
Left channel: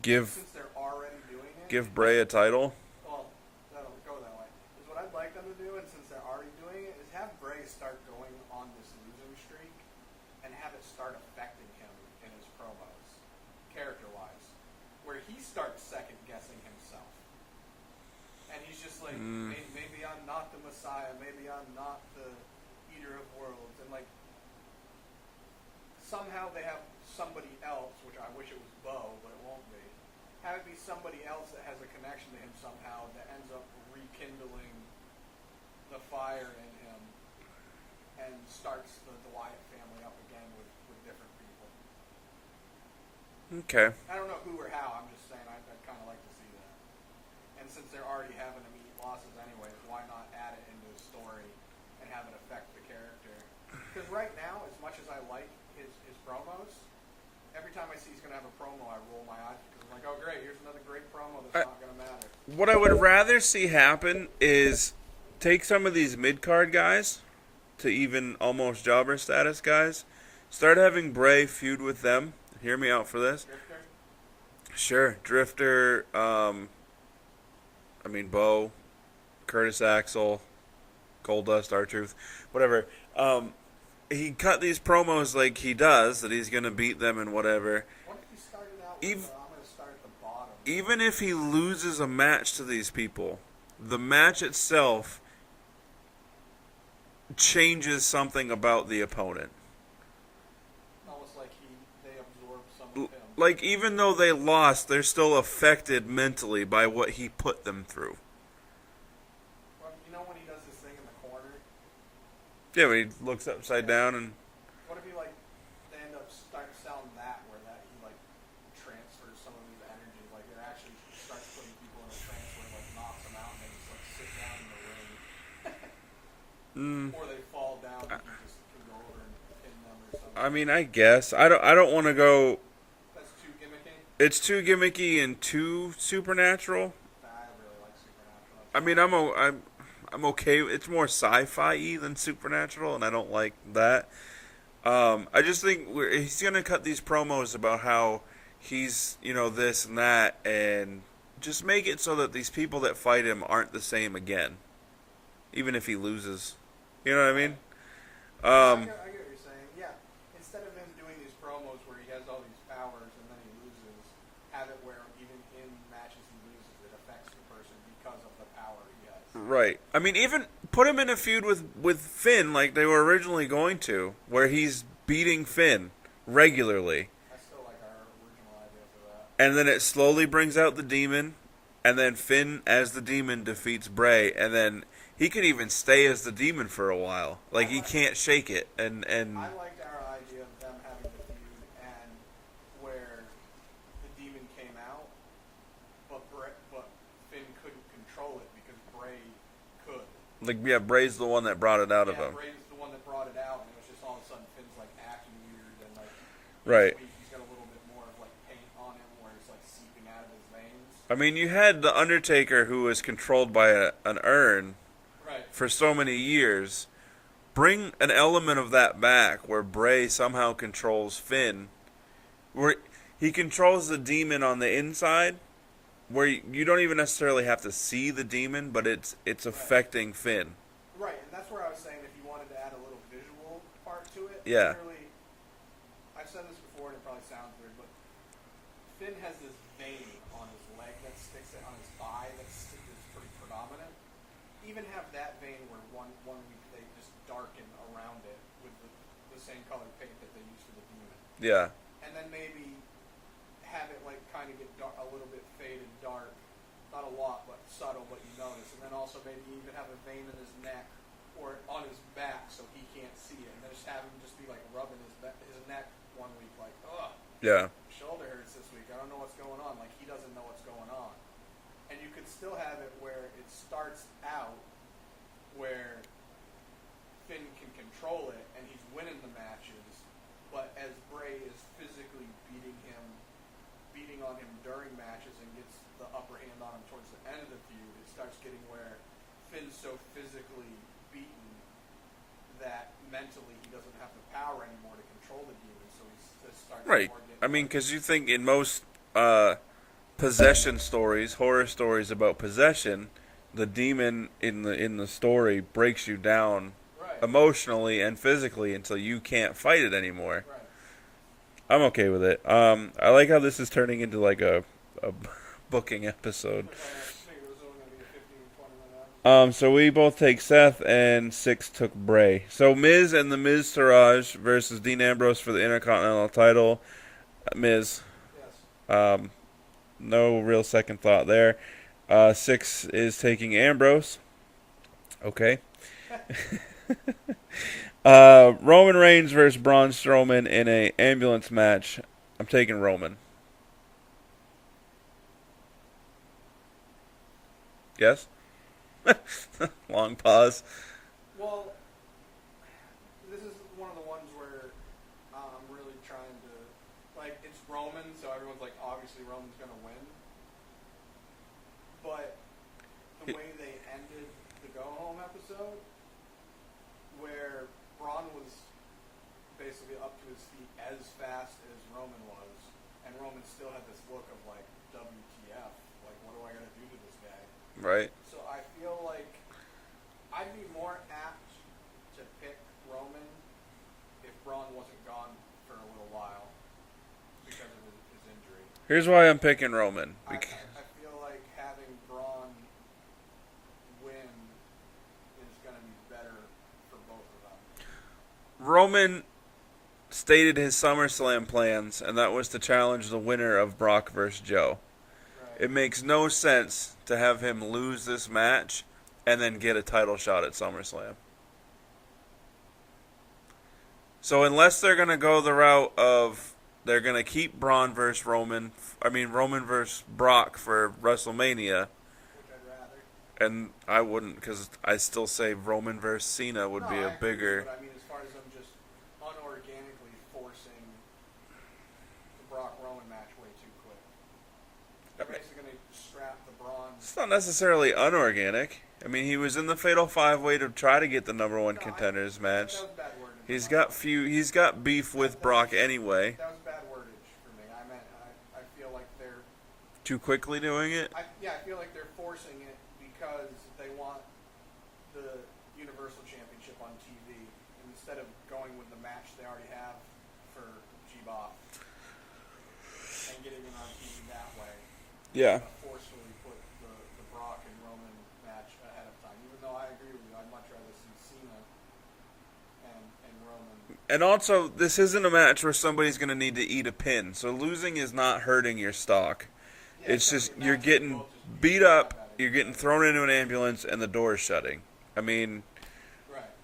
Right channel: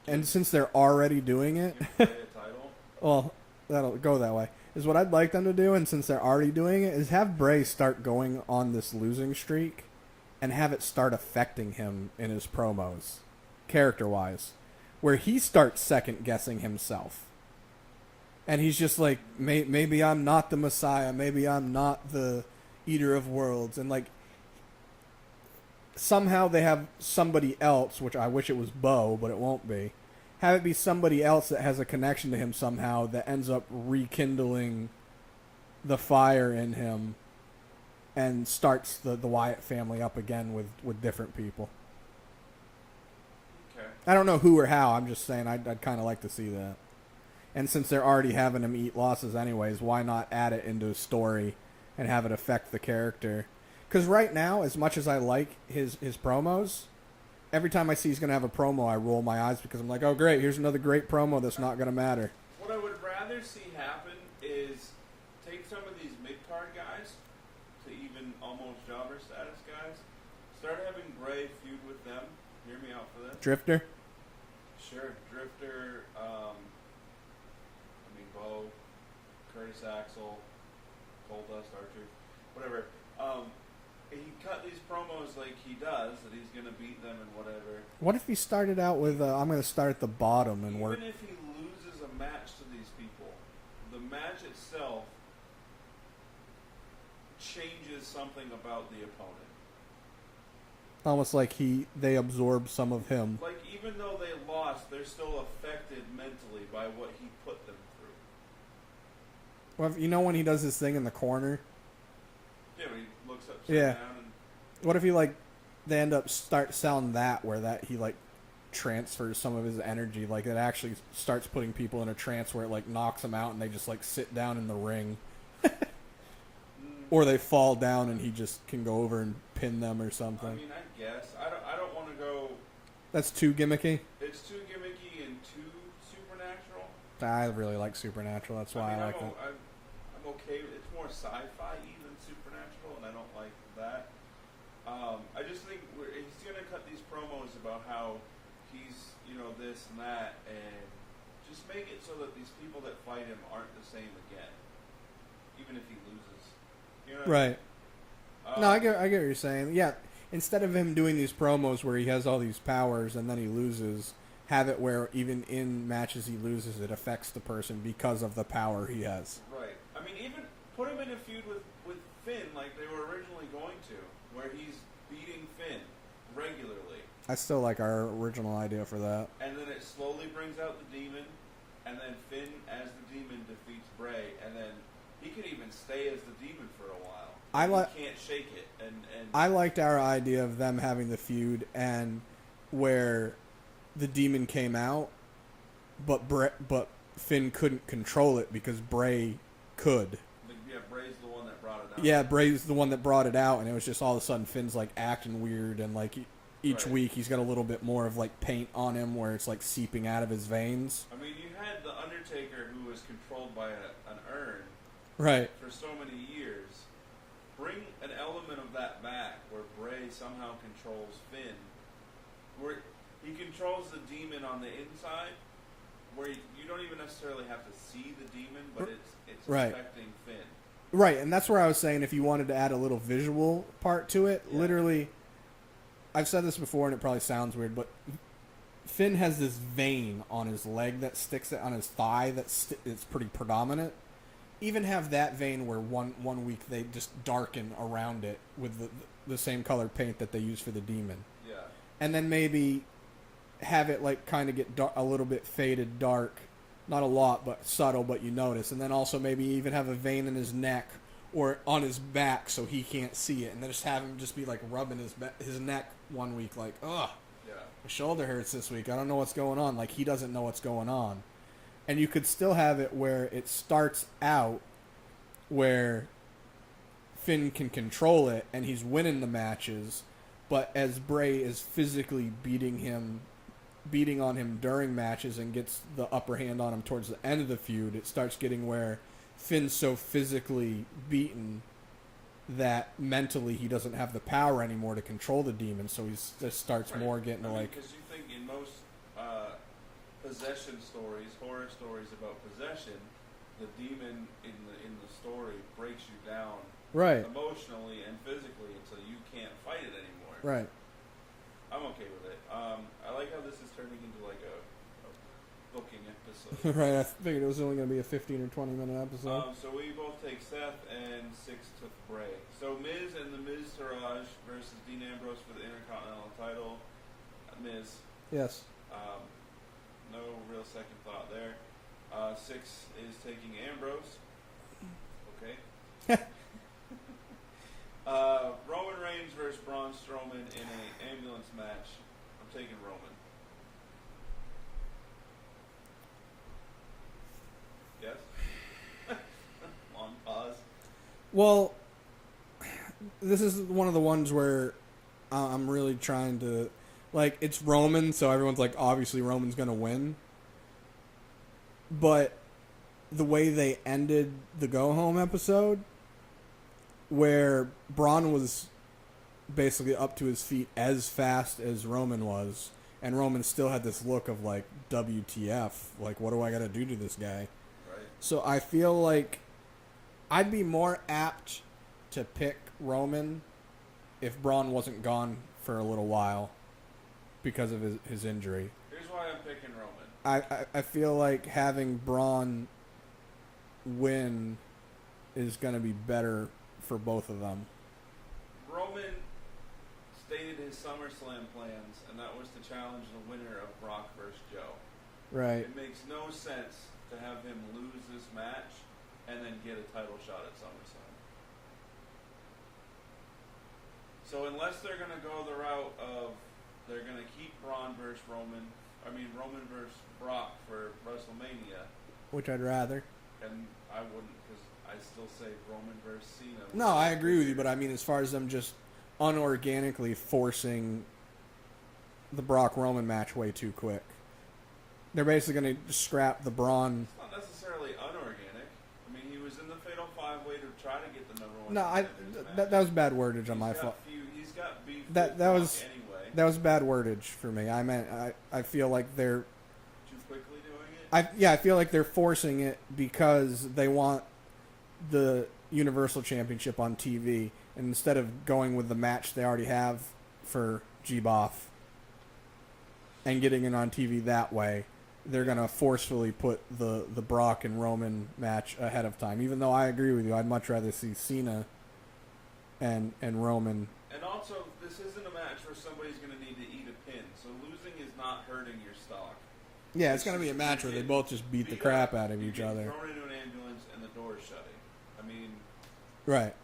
And since they're already doing it, give Bray a title. Well, that'll go that way. Is what I'd like them to do, and since they're already doing it, is have Bray start going on this losing streak, and have it start affecting him in his promos, character-wise, where he starts second guessing himself, and he's just like, maybe I'm not the Messiah, maybe I'm not the Eater of Worlds, and like. Somehow they have somebody else, which I wish it was Bo, but it won't be. Have it be somebody else that has a connection to him somehow that ends up rekindling the fire in him and starts the Wyatt family up again with different people. Okay. I don't know who or how. I'm just saying I'd kind of like to see that. And since they're already having him eat losses anyways, why not add it into a story and have it affect the character? Because right now, as much as I like his promos, every time I see he's going to have a promo, I roll my eyes because I'm like, oh, great, here's another great promo that's not going to matter. What I would rather see happen is take some of these mid-card guys to even almost jobber status guys, start having Bray feud with them. Hear me out for this. Drifter? Sure. Drifter, Bo, Curtis Axel, Goldust, R-Truth, whatever. He cut these promos like he does, that he's going to beat them and whatever. What if he started out with, I'm going to start at the bottom? Even if he loses a match to these people, the match itself changes something about the opponent. Almost like they absorb some of him. Like, even though they lost, they're still affected mentally by what he put them through. Well, you know when he does his thing in the corner? Yeah, when he looks upside down and... What if he, like, they end up start selling that where that he, like, transfers some of his energy. Like, it actually starts putting people in a trance where it, like, knocks them out and they just, like, sit down in the ring. Or they fall down and he just can go over and pin them or something. I mean, I guess. I don't want to go... That's too gimmicky? It's too gimmicky and too supernatural. I really like Supernatural. That's I mean, I'm okay. It's more sci-fi than supernatural, and I don't like that. I just think he's going to cut these promos about how he's, this and that, and just make it so that these people that fight him aren't the same again, even if he loses. You know what I mean? No, I get what you're saying. Yeah, instead of him doing these promos where he has all these powers and then he loses, have it where even in matches he loses, it affects the person because of the power he has. Right. I mean, even put him in a feud with Finn like they were originally going to, where he's beating Finn regularly. I still like our original idea for that. And then it slowly brings out the demon, and then Finn as the demon defeats Bray, and then he could even stay as the demon for a while. Like, he can't shake it. And I liked our idea of them having the feud and where the demon came out, but Finn couldn't control it because Bray could. Like, yeah, Bray's the one that brought it out. Yeah, Bray's the one that brought it out, and it was just all of a sudden Finn's like acting weird, and like each week he's got a little bit more of like paint on him where it's like seeping out of his veins. I mean, you had the Undertaker who was controlled by an urn, right, for so many years. Bring an element of that back where Bray somehow controls Finn, where he controls the demon on the inside, where you don't even necessarily have to see the demon, but it's affecting Finn. Right, and that's where I was saying if you wanted to add a little visual part to it, literally, I've said this before and it probably sounds weird, but Finn has this vein on his leg that sticks on his thigh it's pretty predominant. Even have that vein where one week they just darken around it with the same color paint that they use for the demon. Yeah. And then maybe have it like kind of get a little bit faded dark, not a lot, but subtle, but you notice. And then also maybe even have a vein in his neck or on his back so he can't see it, and then just have him just be like rubbing his neck one week, like, ugh, yeah, my shoulder hurts this week. I don't know what's going on. Like, he doesn't know what's going on. And you could still have it where it starts out where Finn can control it and he's winning the matches, but as Bray is physically beating on him during matches and gets the upper hand on him towards the end of the feud, it starts getting where Finn's so physically beaten that mentally he doesn't have the power anymore to control the demon, so he just starts more getting... I mean, because you think in most possession stories, horror stories about possession, the demon in the story breaks you down emotionally and physically until you can't fight it anymore. Right. I'm okay with it. I like how this is turning into like a booking episode. Right, I figured it was only going to be a 15 or 20 minute episode. So we both take Seth and Six took Bray. So Miz and the Miz Taraj versus Dean Ambrose for the Intercontinental title. Miz. Yes. No real second thought there. Six is taking Ambrose. Okay. Roman Reigns versus Braun Strowman in a ambulance match. I'm taking Roman. Yes? Long pause. Well, this is one of the ones where I'm really trying to... Like, it's Roman, so everyone's like, obviously Roman's going to win. But the way they ended the go-home episode, where Braun was basically up to his feet as fast as Roman was, and Roman still had this look of, like, WTF. Like, what do I got to do to this guy? Right. So I feel like I'd be more apt to pick Roman if Braun wasn't gone for a little while because of his injury. Here's why I'm picking Roman. I feel like having Braun win is going to be better for both of them. Roman, stated his SummerSlam plans, and that was to challenge the winner of Brock versus Joe. Right. It makes no sense to have him lose this match and then get a title shot at SummerSlam. So unless they're going to go the route of they're going to keep Roman versus Brock for WrestleMania, Which I'd rather. and I wouldn't, because I still say Roman versus Cena would No, be a I agree bigger. with you, but I mean, as far as them just unorganically forcing the Brock Roman match way too quick, they're basically going to scrap the Braun. It's not necessarily unorganic. I mean, he was in the Fatal 5-Way to try to get the number one contenders match. That was bad wordage. He's got beef with Brock anyway. That was bad wordage for me. I meant I feel like they're Too quickly doing it. I feel like they're forcing it because they want the Universal Championship on TV, and instead of going with the match they already have for G-Boff and getting it on TV that way, they're going to forcefully put the Brock and Roman match ahead of time. Even though I agree with you, I'd much rather see Cena and Roman. And also, this isn't a match where somebody's going to need to eat a pin, so losing is not hurting your stock. Yeah, it's just you're where they getting both just beat beat the up, crap out of you're each getting other. thrown into an ambulance, and the door is shutting. I mean, Right.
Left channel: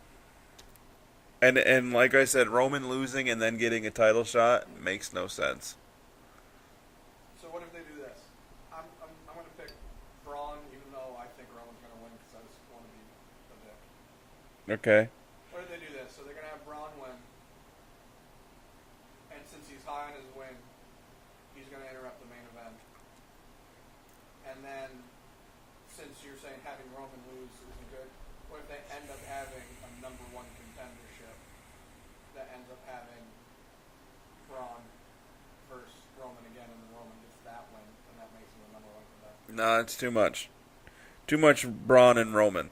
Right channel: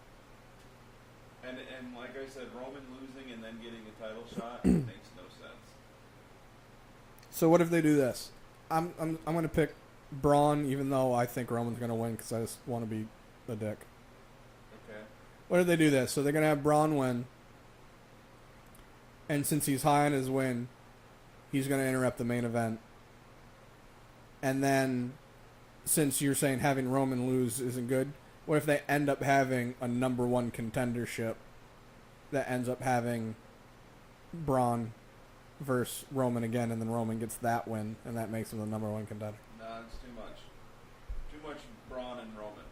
and like I said, Roman losing and then getting a title shot makes no sense. So what if they do this? I'm going to pick Braun, even though I think Roman's going to win because I just want to be a dick. Okay. What if they do this? So they're going to have Braun win, and since he's high on his win, he's going to interrupt the main event. And then, since you're saying having Roman lose isn't good, what if they end up having a number one contendership that ends up having Braun versus Roman again, and then Roman gets that win, and that makes him the number one contender? No, it's too much. Too much Braun and Roman.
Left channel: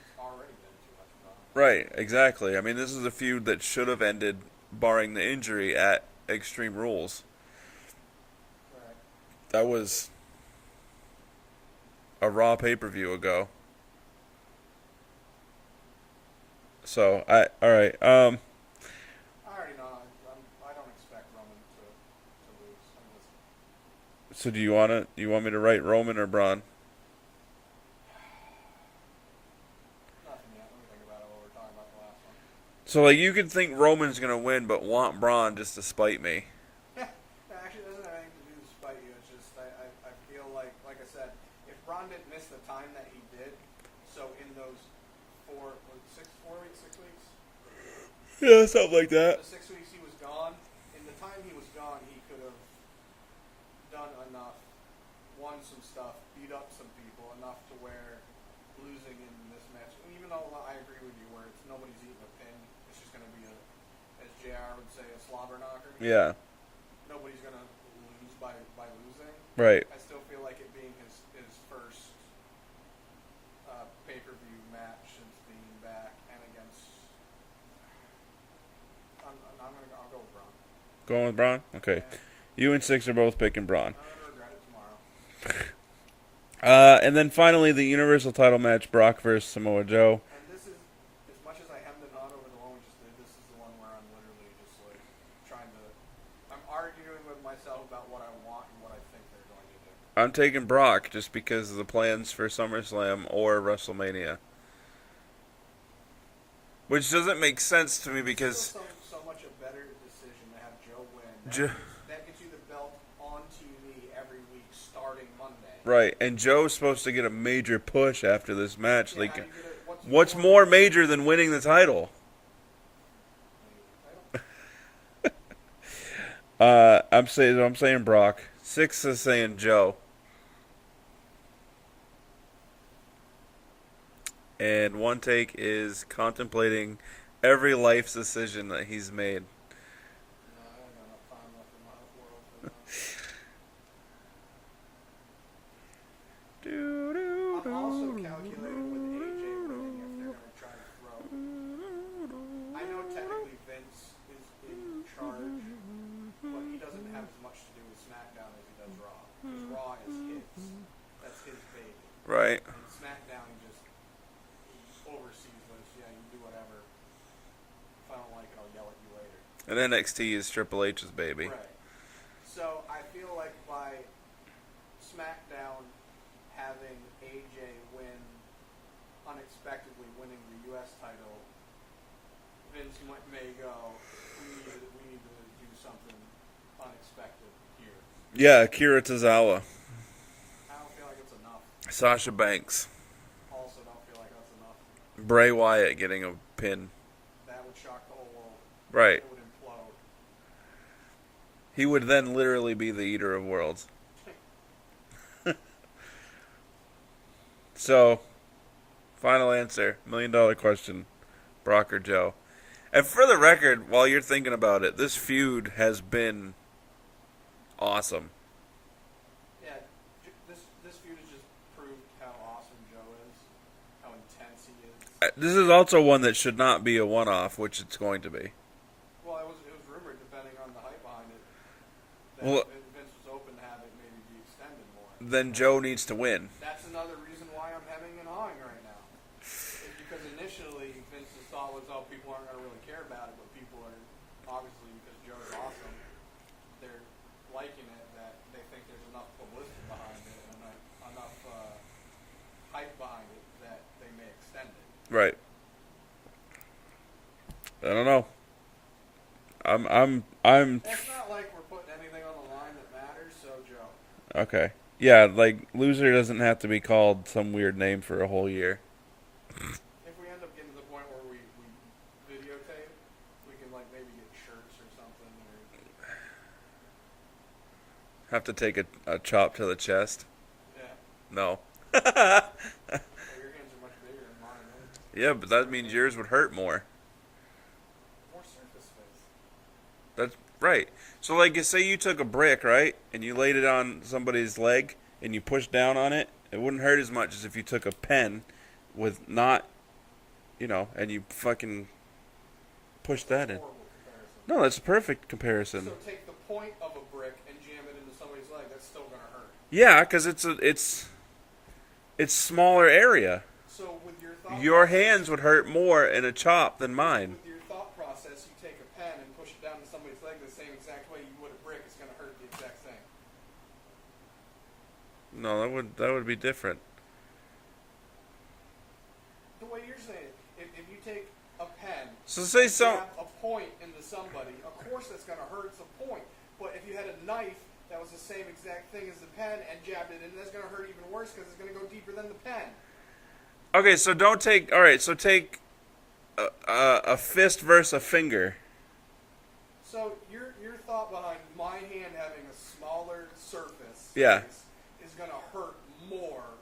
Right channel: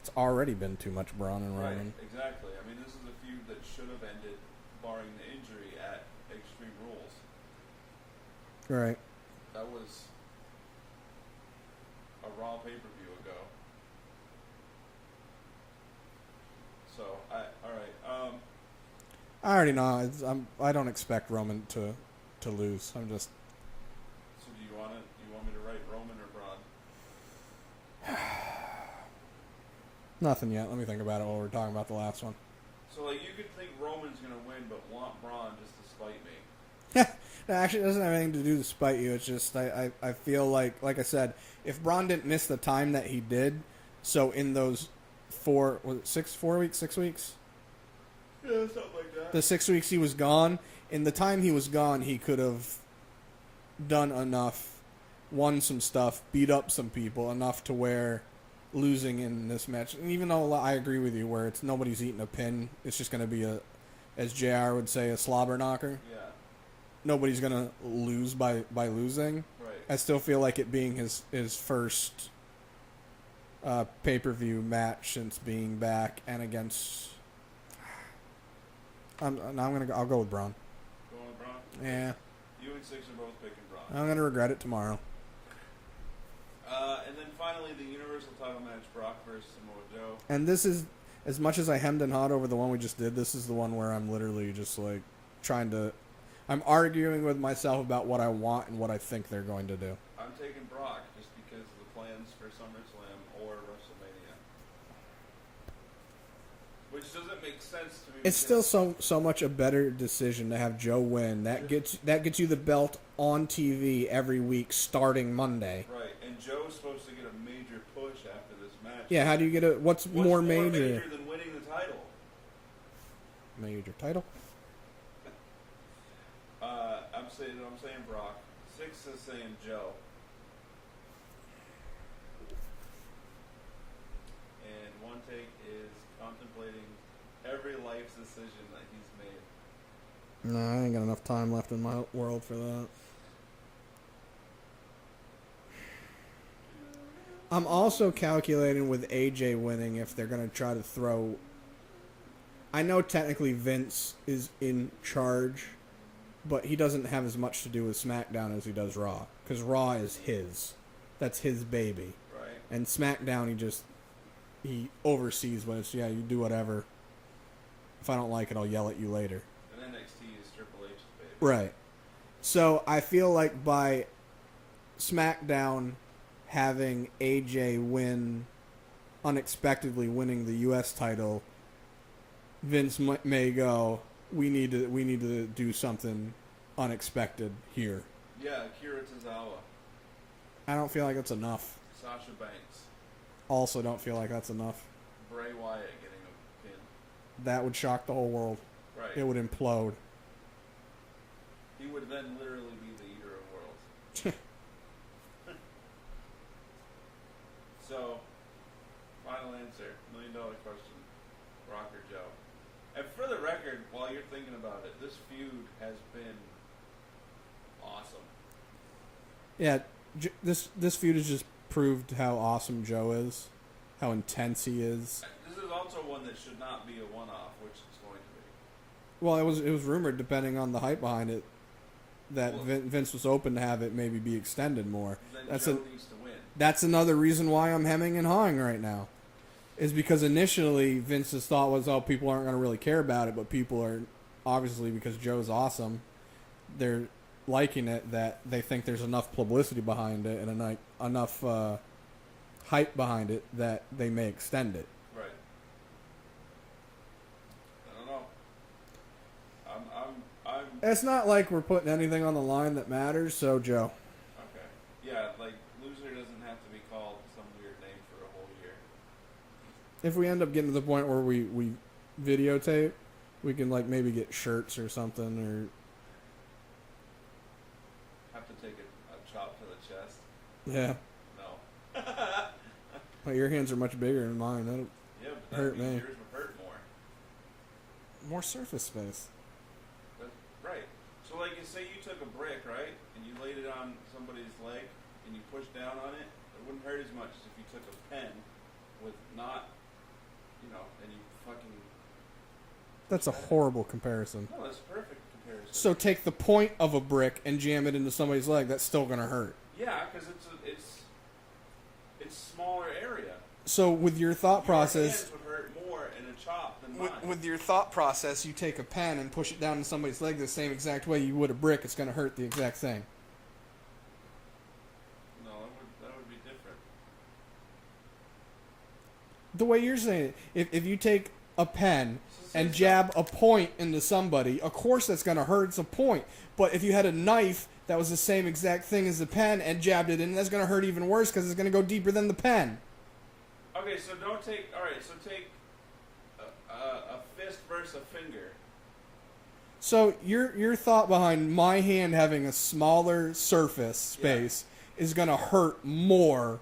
It's already been too much Braun and Roman. Right, exactly. I mean, this is a feud that should have ended, barring the injury, at Extreme Rules. Right. That was a Raw pay-per-view ago. So, all right. I already know. I don't expect Roman to lose. I'm just. So do you want me to write Roman or Braun? Nothing yet. Let me think about it while we're talking about the last one. So, like, you could think Roman's going to win, but want Braun just to spite me. No, actually, it doesn't have anything to do to spite you. It's just I feel like I said, if Braun didn't miss the time that he did, so in those 4 weeks, 6 weeks? Yeah, something like that. The 6 weeks he was gone, in the time he was gone, he could have done enough, won some stuff, beat up some people, enough to where losing in this match, and even though I agree with you where it's nobody's eating a pin, it's just going to be as JR would say, a slobber knocker. Yeah. Nobody's going to lose by losing. Right. I still feel like it being his first pay-per-view match since being back and against. I'll go with Braun. Going with Braun? Okay. Yeah. You and Six are both picking Braun. I'm gonna regret it tomorrow. And then finally, the Universal title match, Brock versus Samoa Joe. And this is, as much as I hemmed and hawed over the one we just did, this is the one where I'm literally just like I'm arguing with myself about what I want and what I think they're going to do. I'm taking Brock just because of the plans for SummerSlam or WrestleMania. Which doesn't make sense to me It's because still so much a better decision to have Joe win. That gets you the belt on TV every week starting Monday. right, and Joe's supposed to get a major push after this match. Yeah, Like, how do you get what's more major than winning the title? Major title? I'm saying Brock. Six is saying Joe. And One Take is contemplating every life decision that he's made. No, I ain't got enough time left in my world for that. I'm also calculating with AJ winning if they're going to try to throw. I know technically Vince is in charge, but he doesn't have as much to do with SmackDown as he does Raw. Because Raw is his. That's his baby. Right. And SmackDown, he oversees, but it's, yeah, you do whatever. If I don't like it, I'll yell at you later. And NXT is Triple H's baby. Right. So I feel like by SmackDown having AJ unexpectedly winning the U.S. title, Vince may go, we need to do something unexpected here. Yeah, Akira Tozawa. I don't feel like that's enough. Sasha Banks. Also don't feel like that's enough. Bray Wyatt getting a pin. That would shock the whole world. Right. It would implode. He would then literally be the eater of worlds. So, final answer. $1 million question. Brock or Joe? And for the record, while you're thinking about it, this feud has been awesome. Yeah, this feud has just proved how awesome Joe is, how intense he is. This is also one that should not be a one-off, which it's going to be. Well, it was rumored, depending on the hype behind it, that Vince was open to have it maybe be extended more. Then Joe needs to win. That's another reason why I'm hemming and hawing right now. Is because initially Vince's thought was, oh, people aren't going to really care about it, but people are, obviously, because Joe's awesome, they're liking it, that they think there's enough publicity behind it and enough hype behind it that they may extend it. Right. I don't know. I'm. It's not like we're putting anything on the line that matters, so Joe. Okay. Yeah, like, loser doesn't have to be called some weird name for a whole year. If we end up getting to the point where we videotape, we can, like, maybe get shirts or something, or... Have to take a chop to the chest? Yeah. No. Well, your hands are much bigger than mine. Yeah, but that means yours would hurt more. More surface space. That's right. So, like, say you took a brick, right, and you laid it on somebody's leg, and you pushed down on it, it wouldn't hurt as much as if you took a pen with not, and you fucking push that in. That's a horrible comparison. No, that's a perfect comparison. So take the point of a brick and jam it into somebody's leg. That's still going to hurt. Yeah, because it's smaller area. So with your thought Your process... Your hands would hurt more in a chop than mine. With your thought process, you take a pen and push it down in somebody's leg the same exact way you would a brick. It's going to hurt the exact same. No, that would be different. The way you're saying it, if you take a pen and jab a point into somebody, of course that's going to hurt. It's a point. But if you had a knife that was the same exact thing as the pen and jabbed it in, that's going to hurt even worse because it's going to go deeper than the pen. Okay, so don't take... All right, so take a fist versus a finger. So your thought behind my hand having a smaller surface space is going to hurt more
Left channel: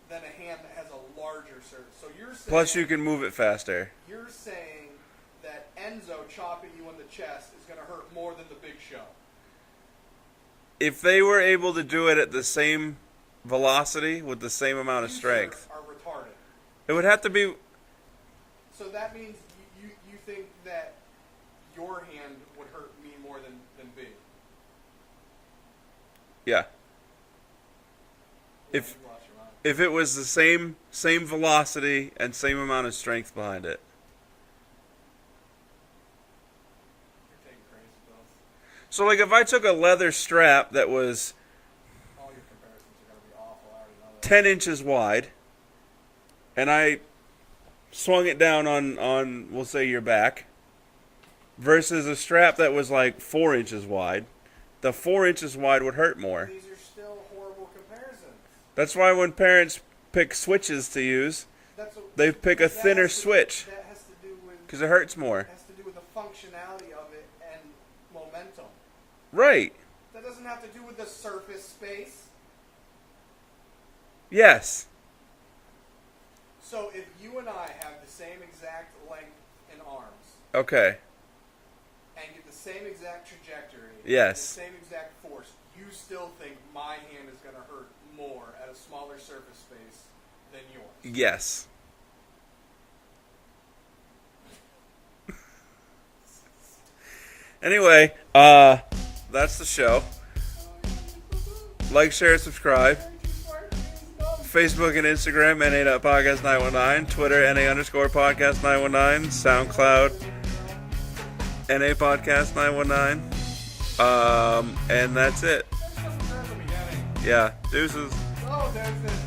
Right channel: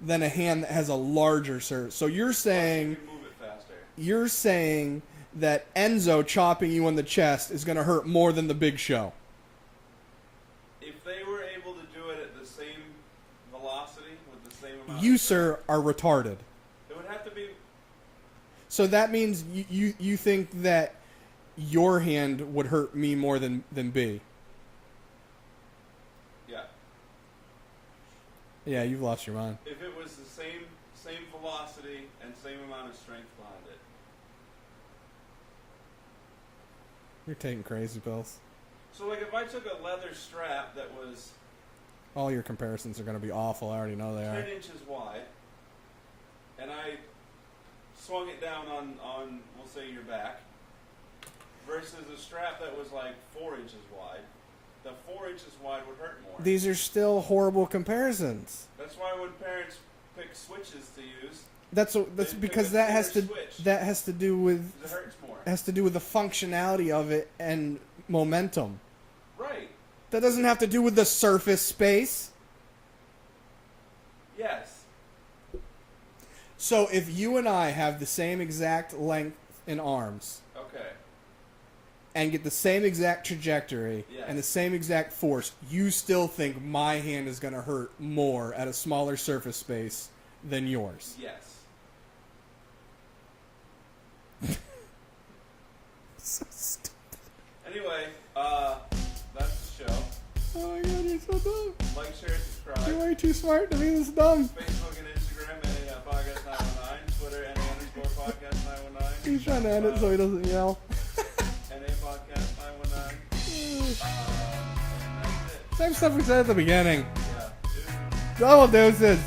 than a hand that has a larger surface. So you're saying... Plus you can move it faster. You're saying that Enzo chopping you in the chest is going to hurt more than the Big Show. If they were able to do it at the same velocity with the same amount of strength... You, sir, are retarded. It would have to be... So that means you think that your hand would hurt me more than B? Yeah. Yeah, you've lost your mind. If it was the same velocity and same amount of strength behind it. You're taking crazy pills. So, like, if I took a leather strap that was... All your comparisons are going to be awful. I already know that. 10 inches wide, and I swung it down on we'll say, your back, versus a strap that was, like, 4 inches wide, the 4 inches wide would hurt more. These are still horrible comparisons. That's why when parents pick switches to use, they pick a thinner switch. That has to do with... Because it hurts more. It has to do with the functionality of it and momentum. Right. That doesn't have to do with the surface space. Yes. So if you and I have the same exact length in arms... Okay. And get the same exact trajectory yes. and the same exact force, you still think my hand is going to hurt more at a smaller surface space than yours? Yes. So stupid. Anyway, that's the show. Oh my God, you're so dumb. Like, share, subscribe. You're way too smart to be this dumb. Facebook and Instagram, NA.podcast919. Twitter, NA_podcast919. SoundCloud. NA Podcast 919. And that's it. Same stuff we said at the beginning. Yeah. Deuces. Double deuces.